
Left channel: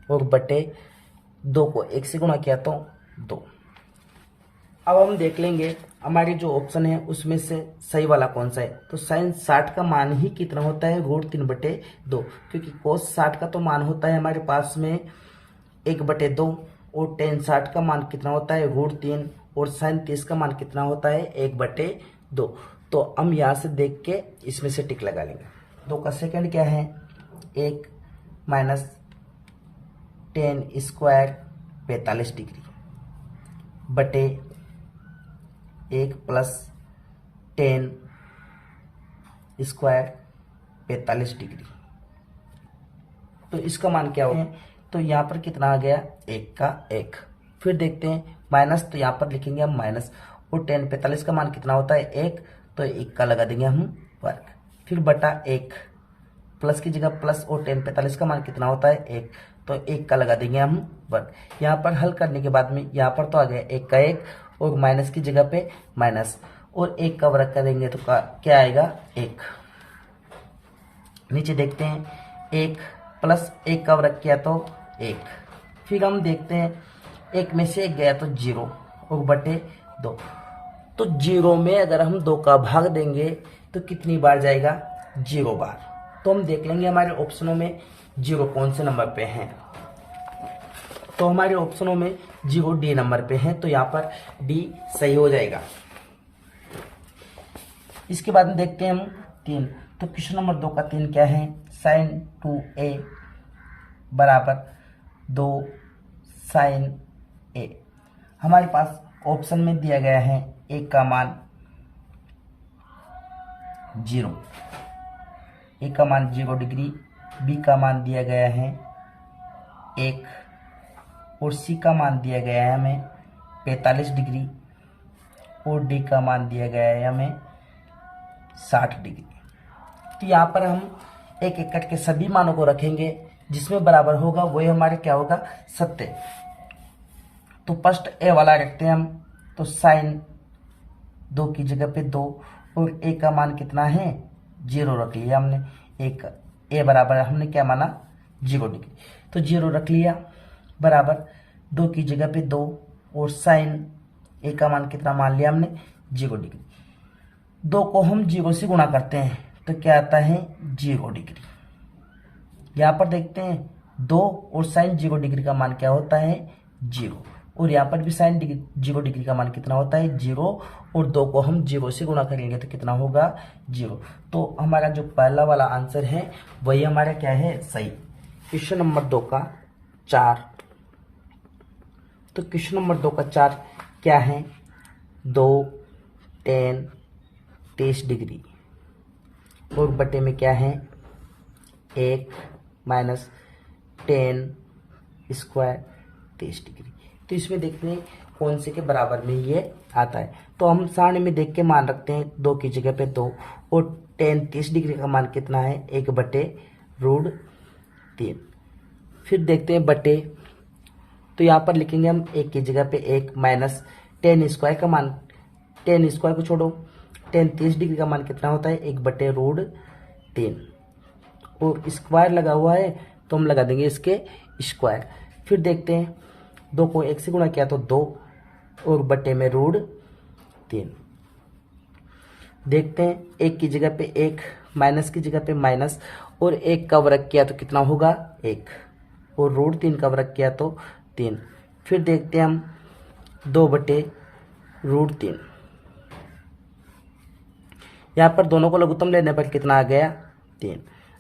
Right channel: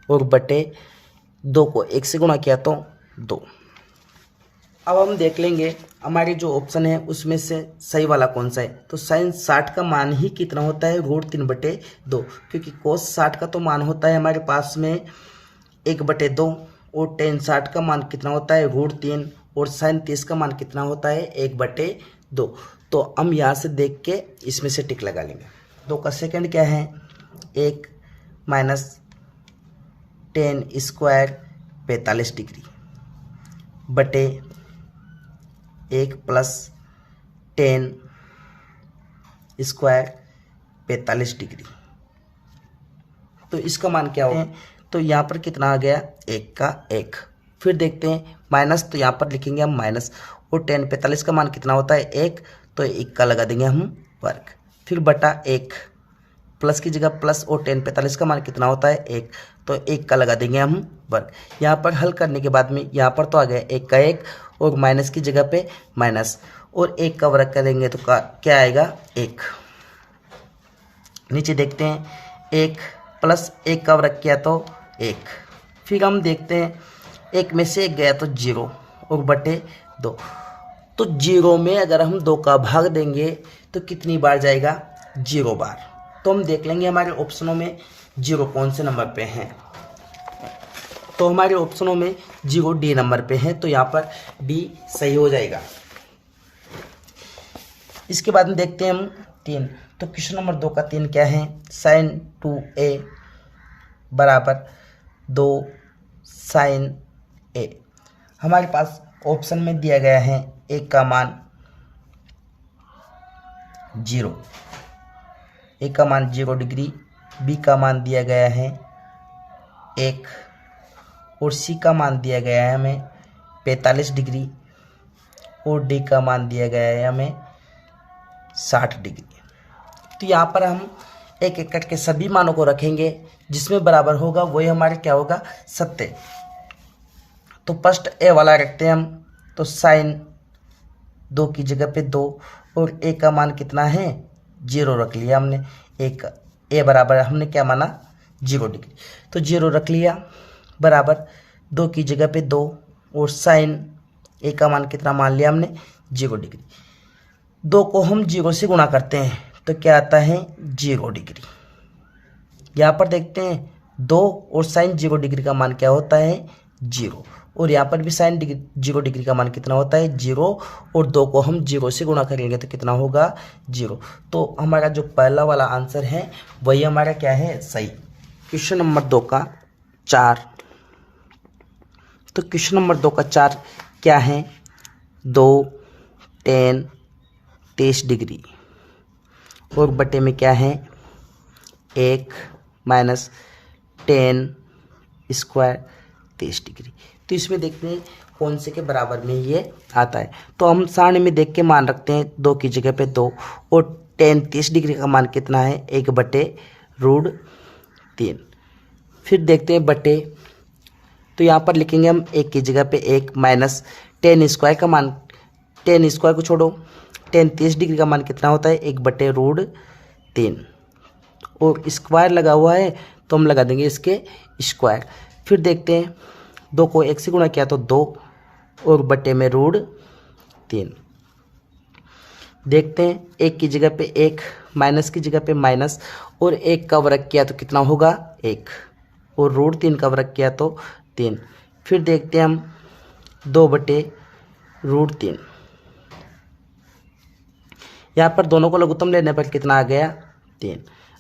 और बटे 2 को 1 से गुणा किया तो 2। अब हम देख लेंगे हमारी जो ऑप्शन है उसमें से सही वाला कौन सा है। तो sin 60 का मान ही कितना होता है √3 बटे 2, क्योंकि cos 60 का तो मान होता है हमारे पास में 1 बटे 2 और tan 60 का मान कितना होता है √3 और sin 30 का मान कितना होता है 1 बटे 2। तो हम यहाँ से देख के इसमें से टिक लगा लेंगे। 2 का सेकंड क्या है 1 माइनस tan स्क्वायर 45 डिग्री बटे 1 प्लस tan स्क्वायर 45 डिग्री। तो इसका मान क्या होगा तो यहाँ पर कितना आ गया 1 का 1। फिर देखते हैं माइनस, तो यहाँ पर लिखेंगे हम माइनस और tan 45 का मान कितना होता है 1 तो 1 का लगा देंगे हम वर्ग। फिर बटा 1 प्लस की जगह प्लस और tan 45 का मान कितना होता है 1 तो 1 का लगा देंगे हम वर्ग। यहाँ पर हल करने के बाद में यहाँ पर तो आ गया 1 का 1 और माइनस की जगह पे माइनस और 1 का वर्ग करेंगे तो क्या आएगा 1। नीचे देखते हैं 1 प्लस 1 का वर्ग किया तो 1। फिर हम देखते हैं 1 में से 1 गया तो 0 और बटे 2। तो 0 में अगर हम 2 का भाग देंगे तो कितनी बार जाएगा 0 बार। तो हम देख लेंगे हमारे ऑप्शनों में 0 कौन से नंबर पे हैं। तो हमारे ऑप्शनों में 0 डी नंबर पे है तो यहाँ पर डी सही हो जाएगा। इसके बाद में देखते हैं हम 3। तो क्वेश्चन नंबर 2 का 3 क्या है sin 2a बराबर 2 sin a। हमारे पास ऑप्शन में दिया गया है a का मान 0, a का मान 0 डिग्री, b का मान दिया गया है 1 और c का मान दिया गया है हमें 45 डिग्री और d का मान दिया गया है हमें 60 डिग्री। तो यहाँ पर हम एक एक करके सभी मानों को रखेंगे, जिसमें बराबर होगा वही हमारे क्या होगा सत्य। तो फर्स्ट ए वाला रखते हैं हम। तो साइन 2 की जगह पे 2 और ए का मान कितना है 0 रख लिया हमने। एक ए बराबर हमने क्या माना 0 डिग्री, तो 0 रख लिया बराबर 2 की जगह पे 2 और साइन ए का मान कितना मान लिया हमने 0 डिग्री। 2 को हम 0 से गुणा करते हैं तो क्या आता है 0 डिग्री। यहाँ पर देखते हैं 2 और साइन 0 डिग्री का मान क्या होता है 0, और यहाँ पर भी साइन 0 डिग्री का मान कितना होता है 0, और 2 को हम 0 से गुणा करेंगे तो कितना होगा 0। तो हमारा जो पहला वाला आंसर है वही हमारा क्या है सही। क्वेश्चन नंबर 2 का 4। तो क्वेश्चन नंबर 2 का 4 क्या है 2 tan 23 डिग्री और बटे में क्या है 1 माइनस tan स्क्वायर 23 डिग्री। तो इसमें देखते हैं कौन से के बराबर में ये आता है। तो हम सारणी में देख के मान रखते हैं 2 की जगह पे 2, और tan 23 डिग्री का मान कितना है 1/√3। फिर देखते हैं बटे, तो यहाँ पर लिखेंगे हम 1 की जगह पे 1 माइनस tan स्क्वायर का मान, tan स्क्वायर को छोड़ो, tan 23 डिग्री का मान कितना होता है 1/√3, और स्क्वायर लगा हुआ है तो हम लगा देंगे इसके स्क्वायर। फिर देखते हैं 2 को 1 से गुणा किया तो 2 और बटे में √3। देखते हैं 1 की जगह पे 1, माइनस की जगह पे माइनस, और 1 का वर्ग किया तो कितना होगा 1, और √3 का वर्ग किया तो 3। फिर देखते हैं हम 2/√3। यहाँ पर दोनों को लघुत्तम लेने पर कितना आ गया 3।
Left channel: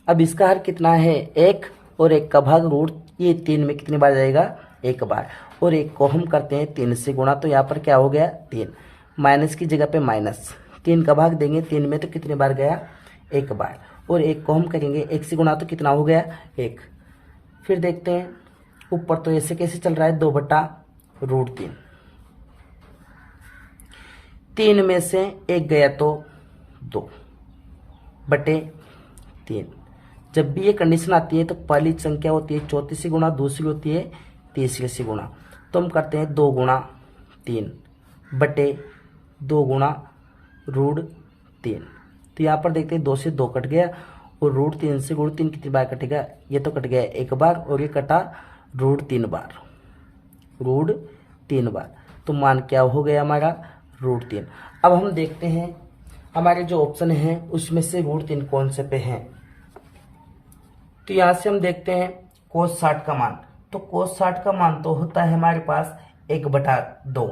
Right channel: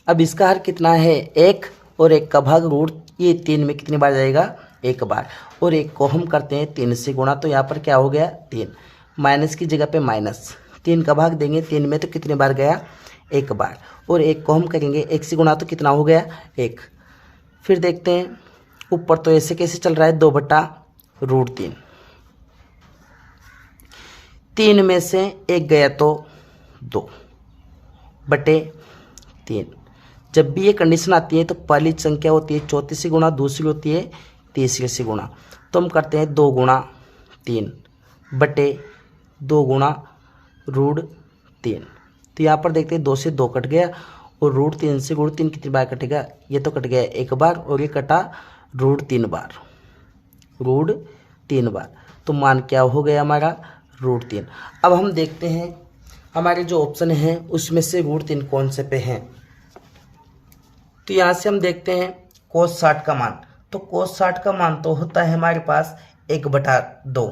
अब इसका हर कितना है 1, और 1 का भाग ये 3 में कितनी बार जाएगा 1 बार, और 1 को हम करते हैं 3 से गुणा, तो यहाँ पर क्या हो गया 3, माइनस की जगह पे माइनस, 3 का भाग देंगे 3 में तो कितनी बार गया 1 बार, और 1 को हम करेंगे 1 से गुणा तो कितना हो गया 1। फिर देखते हैं ऊपर तो ऐसे कैसे चल रहा है 2/√3, 3 में से 1 गया तो 2/3। जब भी ये कंडीशन आती है तो पहली संख्या होती है 34 से गुणा, दूसरी होती है 30 से गुणा, तो हम करते हैं 2 गुणा 3 बटे 2 गुणा √3। तो यहाँ पर देखते हैं 2 से 2 कट गया, और √3 से √3 कितनी बार कटेगा, ये तो कट गया 1 बार, और ये कटा √3 बार, √3 बार, तो मान क्या हो गया हमारा √3। अब हम देखते हैं हमारे जो ऑप्शन है उसमें से √3 कौन से पे हैं। तो यहाँ से हम देखते हैं cos 60 का मान, तो cos 60 का मान तो होता है हमारे पास 1/2,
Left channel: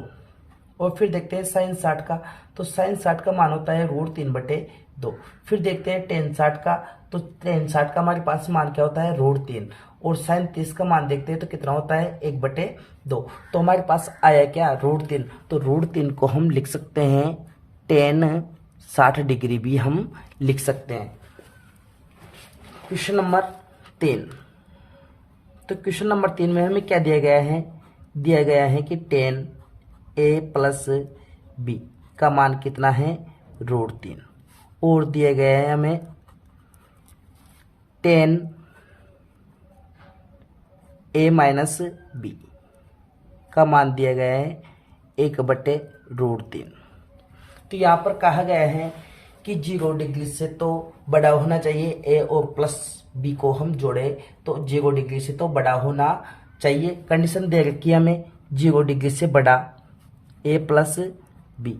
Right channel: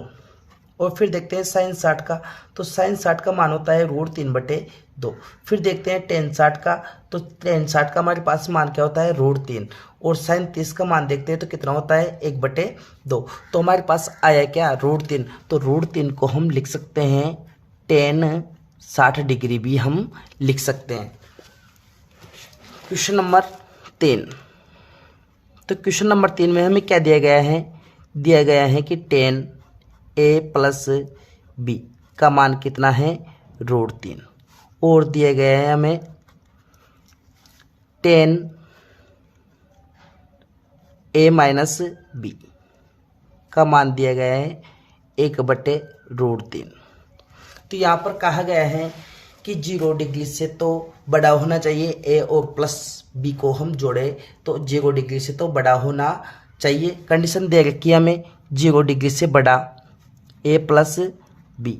और फिर देखते हैं sin 60 का, तो sin 60 का मान होता है √3/2। फिर देखते हैं tan 60 का, तो tan 60 का हमारे पास मान क्या होता है √3, और sin 30 का मान देखते हैं तो कितना होता है 1/2। तो हमारे पास आया क्या √3, तो √3 को हम लिख सकते हैं tan 60 डिग्री भी हम लिख सकते हैं। Question number 3। तो क्वेश्चन नंबर 3 में हमें क्या दिया गया है कि tan a प्लस b का मान कितना है √3, और दिया गया है हमें tan a माइनस b का मान दिया गया है 1/√3। तो यहाँ पर कहा गया है कि 0 डिग्री से तो बड़ा होना चाहिए a, और प्लस b को हम जोड़े तो 0 डिग्री से तो बड़ा होना चाहिए। कंडीशन दे रखी है हमें 0 डिग्री से बड़ा a प्लस b,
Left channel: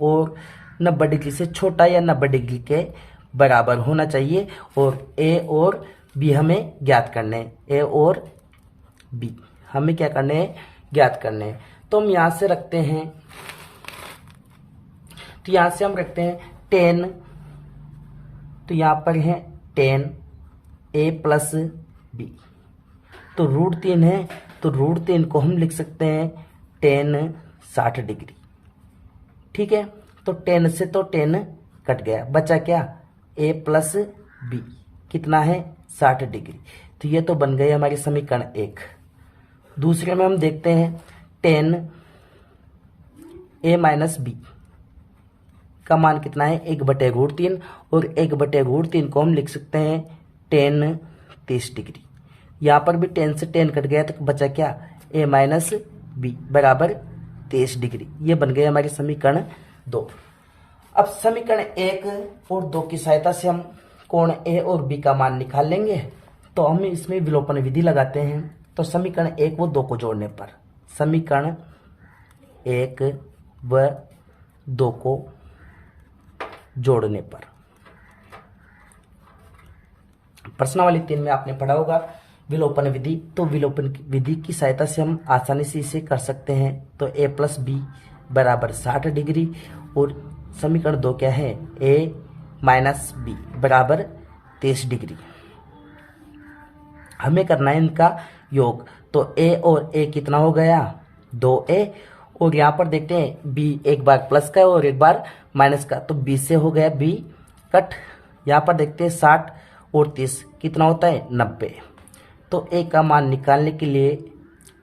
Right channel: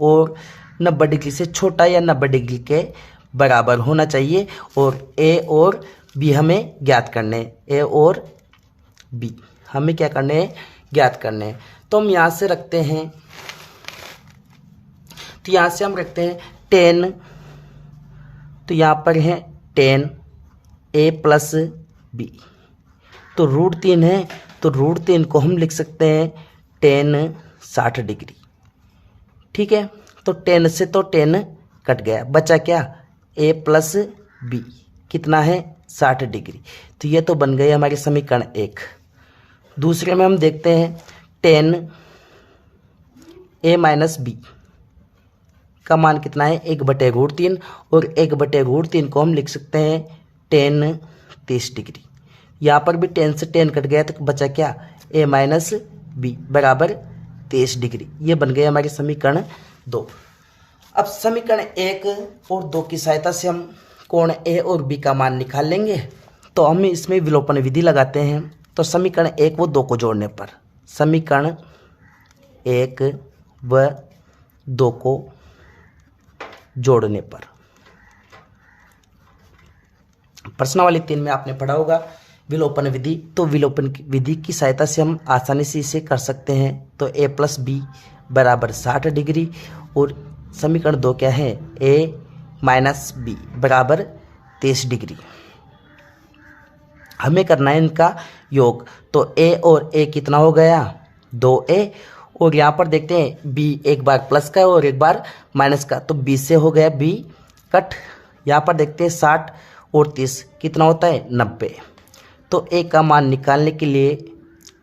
और 90 डिग्री से छोटा या 90 डिग्री के बराबर होना चाहिए, और a और b हमें ज्ञात करने हैं, a और b हमें क्या करने हैं ज्ञात करने हैं। तो हम यहाँ से रखते हैं, तो यहाँ से हम रखते हैं 10, तो यहाँ पर है tan a प्लस b, तो √3 है, तो √3 को हम लिख सकते हैं tan 60 डिग्री। ठीक है, तो 10 से तो 10 कट गया, बचा क्या a प्लस b कितना है 60 डिग्री। तो ये तो बन गए हमारे समीकरण 1। दूसरे में हम देखते हैं tan a माइनस b का मान कितना है 1/√3, और 1/√3 को हम लिख सकते हैं tan 30 डिग्री। यहाँ पर भी 10 से 10 कट गया तो बचा क्या a माइनस b बराबर 30 डिग्री। ये बन गए हमारे समीकरण 2। अब समीकरण 1 और 2 की सहायता से हम कोण a और b का मान निकाल लेंगे। तो हम इसमें विलोपन विधि लगाते हैं। तो समीकरण 1 व 2 को जोड़ने पर, समीकरण 1 व 2 को जोड़ने पर, प्रश्नावली 3 में आपने पढ़ा होगा विलोपन विधि, तो विलोपन विधि की सहायता से हम आसानी से इसे कर सकते हैं। तो a प्लस बी बराबर 60 डिग्री और समीकरण 2 क्या है, a माइनस बी बराबर 23 डिग्री। हमें करना है इनका योग, तो a और a कितना हो गया, 2a, और यहाँ पर देखते हैं b एक बार प्लस का है और एक बार माइनस का, तो b से हो गया b कट। यहाँ पर देखते हैं 60 और 30 कितना होता है, 90। तो a का मान निकालने के लिए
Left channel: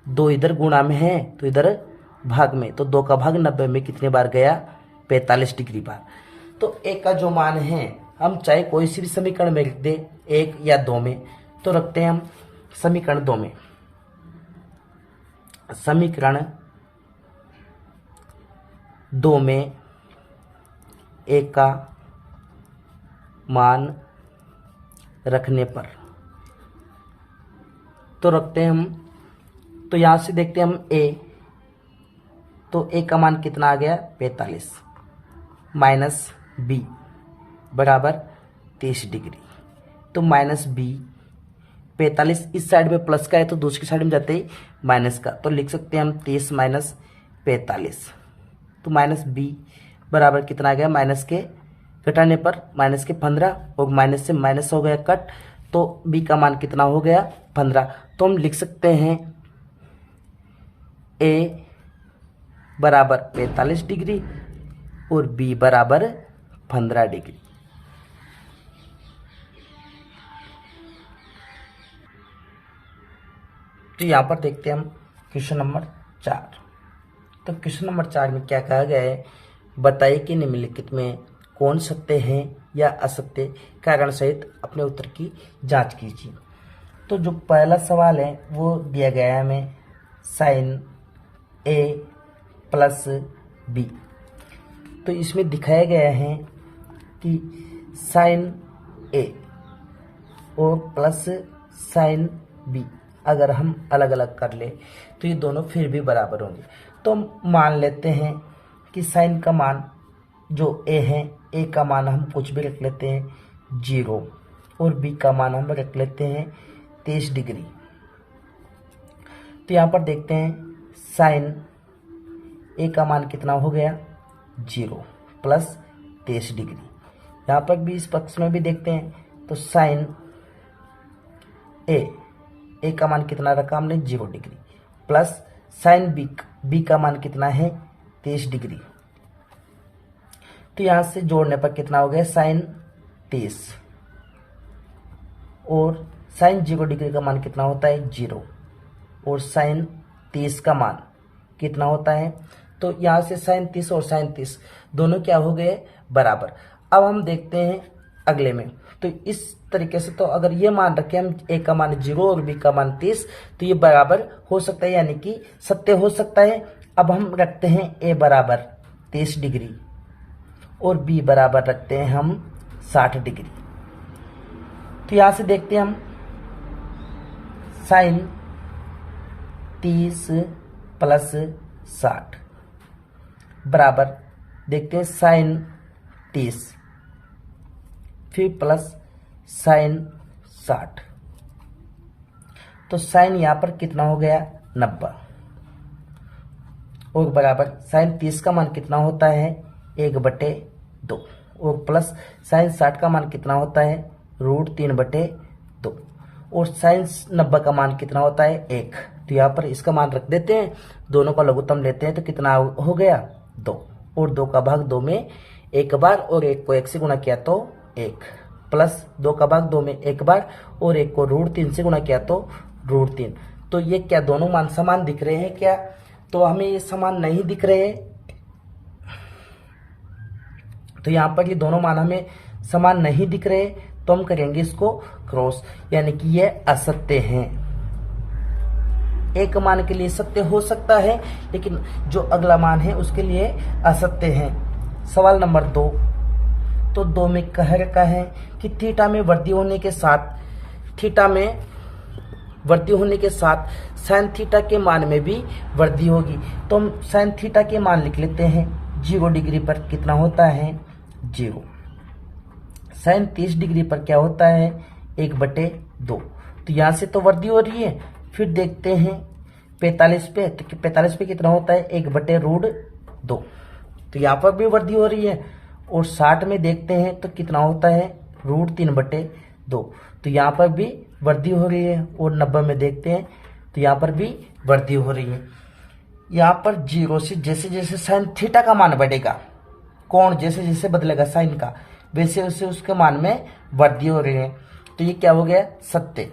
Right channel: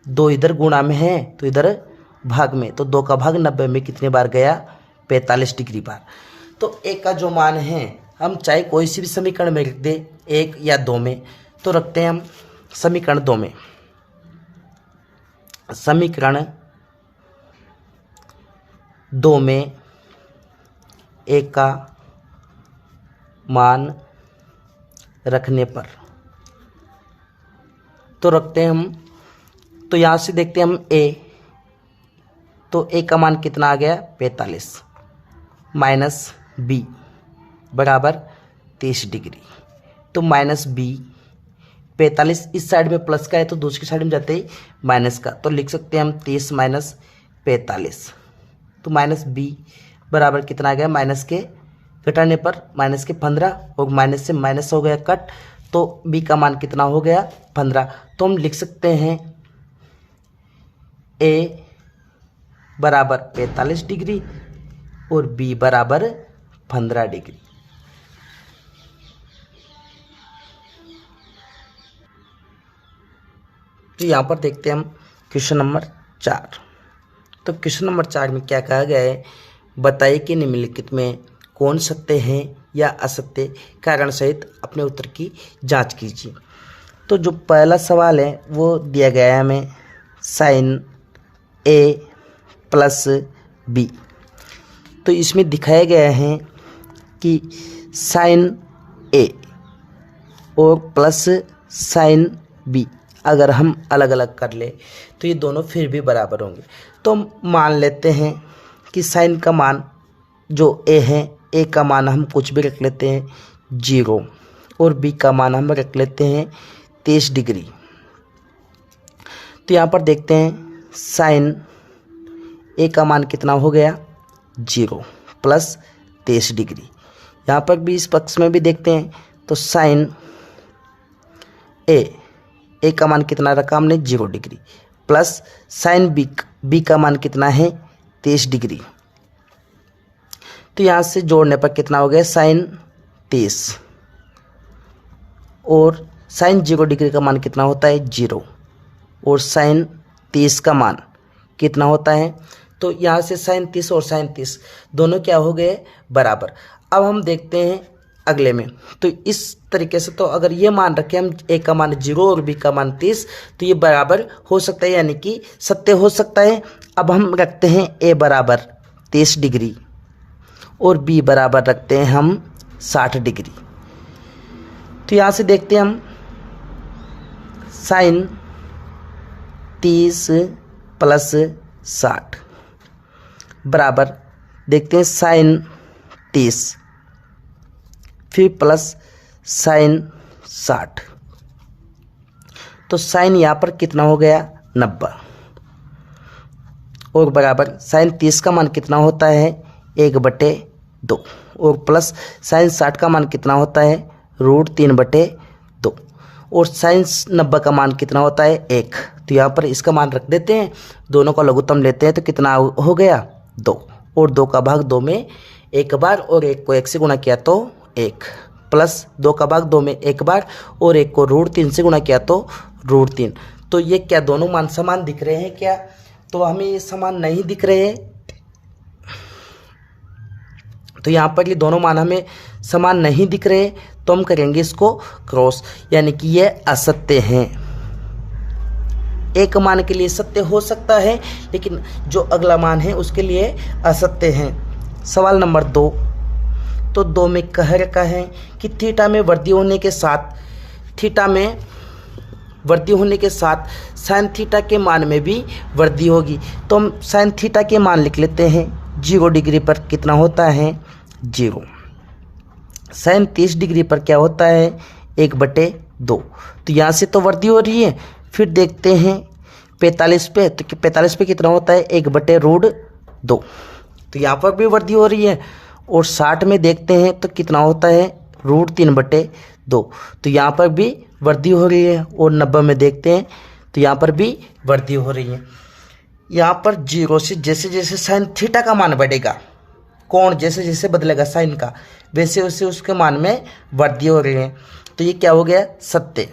2 इधर गुणा में है तो इधर भाग में, तो 2 का भाग 90 में कितने बार गया, 45 डिग्री बार। तो a का जो मान है हम चाहे कोई सी भी समीकरण में लिख दें, 1 या 2 में, तो रखते हैं हम समीकरण 2 में। समीकरण 2 में a का मान रखने पर, तो रखते हैं हम, तो यहाँ से देखते हैं हम a, तो a का मान कितना आ गया, 45 माइनस b बराबर 23 डिग्री। तो माइनस b, 45 इस साइड में प्लस का है तो दूसरी साइड में जाते ही माइनस का, तो लिख सकते हैं हम 30 माइनस 45। तो माइनस b बराबर कितना आ गया, माइनस के घटाने पर माइनस के 15 और माइनस से माइनस हो गया कट, तो b का मान कितना हो गया, 15। तो हम लिख सकते हैं a बराबर 45 डिग्री और b बराबर 15 डिग्री। तो यहाँ पर देखते हैं हम क्वेश्चन नंबर 4। तो क्वेश्चन नंबर 4 में क्या कहा गया है, बताइए कि निम्नलिखित में कौन सत्य हैं या असत्य, कारण सहित अपने उत्तर की जांच कीजिए। तो जो पहला सवाल है वो दिया गया है हमें, साइन a प्लस b। तो इसमें दिखाया गया है कि साइन a और प्लस साइन b अगर हम अलग अलग कर ले तो ये दोनों फिर भी बराबर होंगे। तो हम मान लेते हैं कि साइन का मान जो a है, a का मान हम कुछ भी रख लेते हैं 0 और b का मान हम रख लेते हैं 23 डिग्री। तो यहाँ पर देखते हैं साइन a का मान कितना हो गया, 0 प्लस 23 डिग्री। यहाँ पर भी इस पक्ष में भी देखते हैं, तो साइन a का मान कितना रखा हमने, 0 डिग्री, प्लस साइन b का मान कितना है, 23 डिग्री। तो यहाँ से जोड़ने पर कितना हो गया, साइन 23 और साइन 0 डिग्री का मान कितना होता है, 0, और साइन 30 का मान कितना होता है, तो यहाँ से साइन 30 और साइन 30 दोनों क्या हो गए, बराबर। अब हम देखते हैं अगले में, तो इस तरीके से, तो अगर ये मान रखें हम a का मान 0 और b का मान 30, तो ये बराबर हो सकता है, यानी कि सत्य हो सकता है। अब हम रखते हैं a बराबर 30 डिग्री और b बराबर रखते हैं हम 60 डिग्री। तो यहाँ से देखते हैं हम साइन 30 प्लस 60 बराबर देखते हैं साइन 30 फिर प्लस साइन 60, तो साइन यहाँ पर कितना हो गया, 90, और बराबर साइन 30 का मान कितना होता है, 1/2, और प्लस साइन 60 का मान कितना होता है, √3/2, और साइन 90 का मान कितना होता है, 1। तो यहाँ पर इसका मान रख देते हैं, दोनों का लघुत्तम लेते हैं, तो कितना हो गया, 2, और 2 का भाग 2 में एक बार और 1 को 1 से गुणा किया तो 1, प्लस 2 का भाग 2 में एक बार और 1 को √3 से गुणा किया तो √3। तो ये क्या दोनों मान समान दिख रहे हैं क्या, तो हमें ये समान नहीं दिख रहे हैं, तो यहाँ पर ये दोनों मान हमें समान नहीं दिख रहे, तो हम करेंगे इसको क्रॉस, यानी कि ये असत्य हैं। एक मान के लिए सत्य हो सकता है, लेकिन जो अगला मान है उसके लिए असत्य है। सवाल नंबर 2, तो 2 में कह रखा है कि थीटा में वृद्धि होने के साथ साइन थीटा के मान में भी वृद्धि होगी। तो हम साइन थीटा के मान लिख लेते हैं, 0 डिग्री पर कितना होता है, 0। साइन 30 डिग्री पर क्या होता है, 1/2, 2। तो यहाँ से तो वृद्धि हो रही है। फिर देखते हैं 45 पे, तो 45 पे कितना होता है 1/√2, तो यहाँ पर भी वृद्धि हो रही है। और 60 में देखते हैं तो कितना होता है √3/2, तो यहाँ पर भी वृद्धि हो रही है। और 90 में देखते हैं तो यहाँ पर भी वृद्धि हो रही है। यहाँ पर 0 से जैसे जैसे साइन थीटा का मान बढ़ेगा, कोण जैसे जैसे बदलेगा साइन का, वैसे वैसे उसके मान में वृद्धि हो रही है। तो ये क्या हो गया सत्य।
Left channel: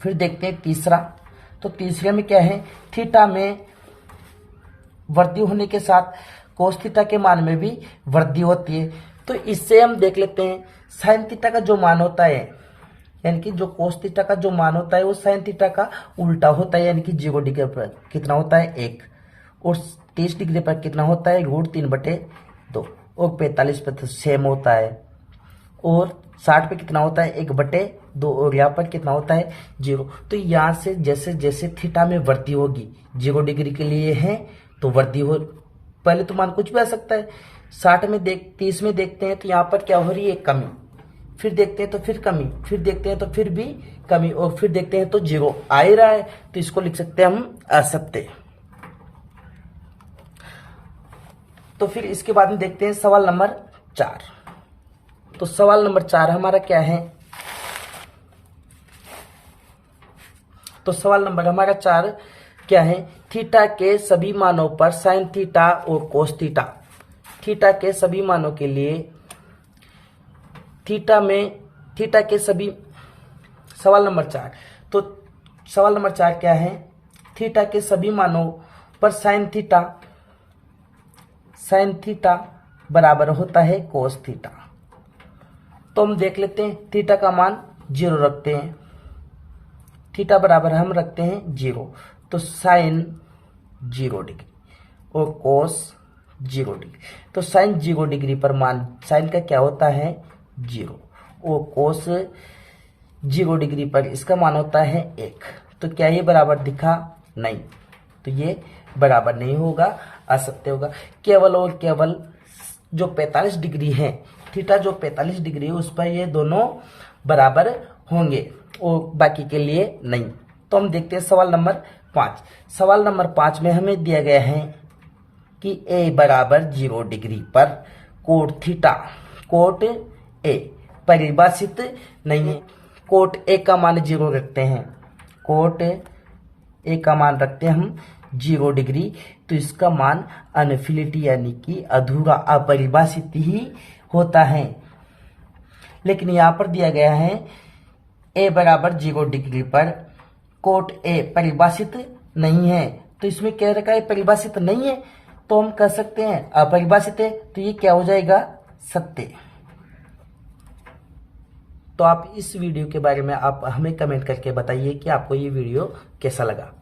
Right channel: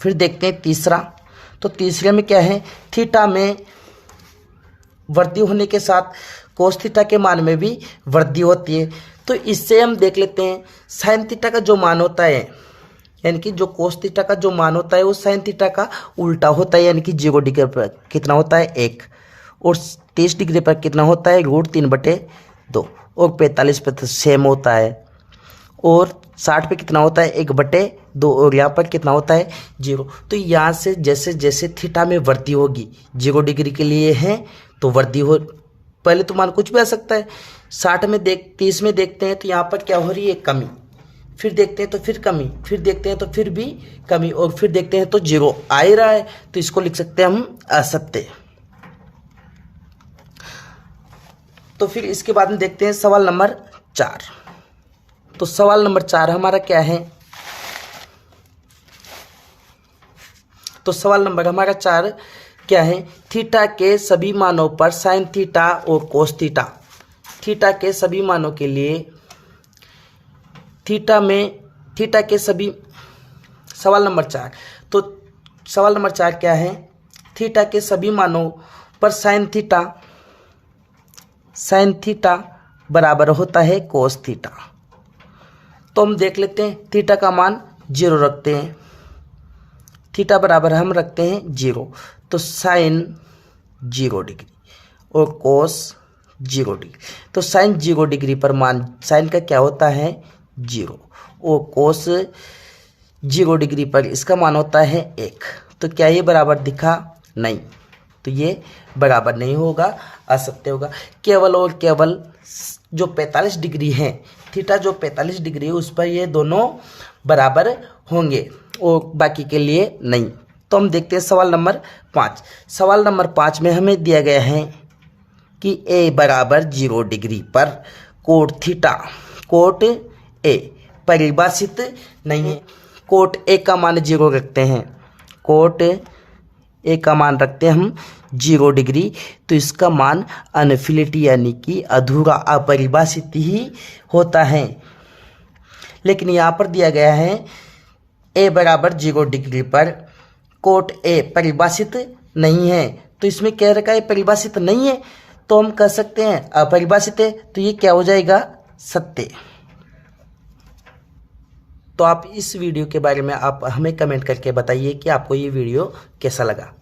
फिर देखते हैं तीसरा, तो तीसरे में क्या है, थीटा में वृद्धि होने के साथ कोस थीटा के मान में भी वृद्धि होती है। तो इससे हम देख लेते हैं साइन थीटा का जो मान होता है, यानी कि जो कोस थीटा का जो मान होता है वो साइन थीटा का उल्टा होता है, यानी कि 0 डिग्री पर कितना होता है 1, और 30 डिग्री पर कितना होता है √3/2, और 45 पर तो सेम होता है, और 60 पे कितना होता है 1/2, और यहाँ पर कितना होता है 0। तो यहाँ से जैसे जैसे थीटा में वृद्धि होगी, 0 डिग्री के लिए है तो वृद्धि हो, पहले तो मान कुछ भी आ सकता है। 30 में देखते हैं तो यहाँ पर क्या हो रही है कमी, फिर देखते हैं तो फिर कमी, फिर देखते हैं तो फिर भी कमी, और फिर देखते हैं तो 0 आ ही रहा है, तो इसको लिख सकते हैं हम असत्य। तो फिर इसके बाद में देखते हैं सवाल नंबर 4। तो सवाल नंबर 4 हमारा क्या है, तो सवाल नंबर हमारा 4 क्या है, थीटा के सभी मानों पर साइन थीटा और कोस थीटा, थीटा के सभी मानों के लिए थीटा के सभी, सवाल नंबर 4, तो सवाल नंबर 4 क्या है, थीटा के सभी मानों पर साइन थीटा बराबर होता है कोस थीटा। तो हम देख लेते हैं थीटा का मान 0 रखते हैं, थीटा बराबर हम रखते हैं 0, तो साइन 0 डिग्री और कोस 0 डिग्री, तो साइन 0 डिग्री पर मान साइन का क्या होता है 0, और कोस 0 डिग्री पर इसका मान होता है 1। तो क्या ये बराबर दिखा, नहीं, तो ये बराबर नहीं होगा, असत्य होगा। केवल और केवल जो 45 डिग्री है, थीटा जो 45 डिग्री है उस पर ये दोनों बराबर होंगे, और बाकी के लिए नहीं। तो हम देखते हैं सवाल नंबर 5। सवाल नंबर 5 में हमें दिया गया है कि a बराबर 0 डिग्री पर कोट ए परिभाषित नहीं है। कोट ए का मान 0 रखते हैं, कोट ए का मान रखते हैं हम 0 डिग्री, तो इसका मान अनफिनिटी यानी कि अधूरा अपरिभाषित ही होता है। लेकिन यहाँ पर दिया गया है a बराबर 0 डिग्री पर कोट ए परिभाषित नहीं है, तो इसमें कह रखा है परिभाषित नहीं है, तो हम कह सकते हैं अपरिभाषित है, तो ये क्या हो जाएगा सत्य। तो आप इस वीडियो के बारे में आप हमें कमेंट करके बताइए कि आपको ये वीडियो कैसा लगा।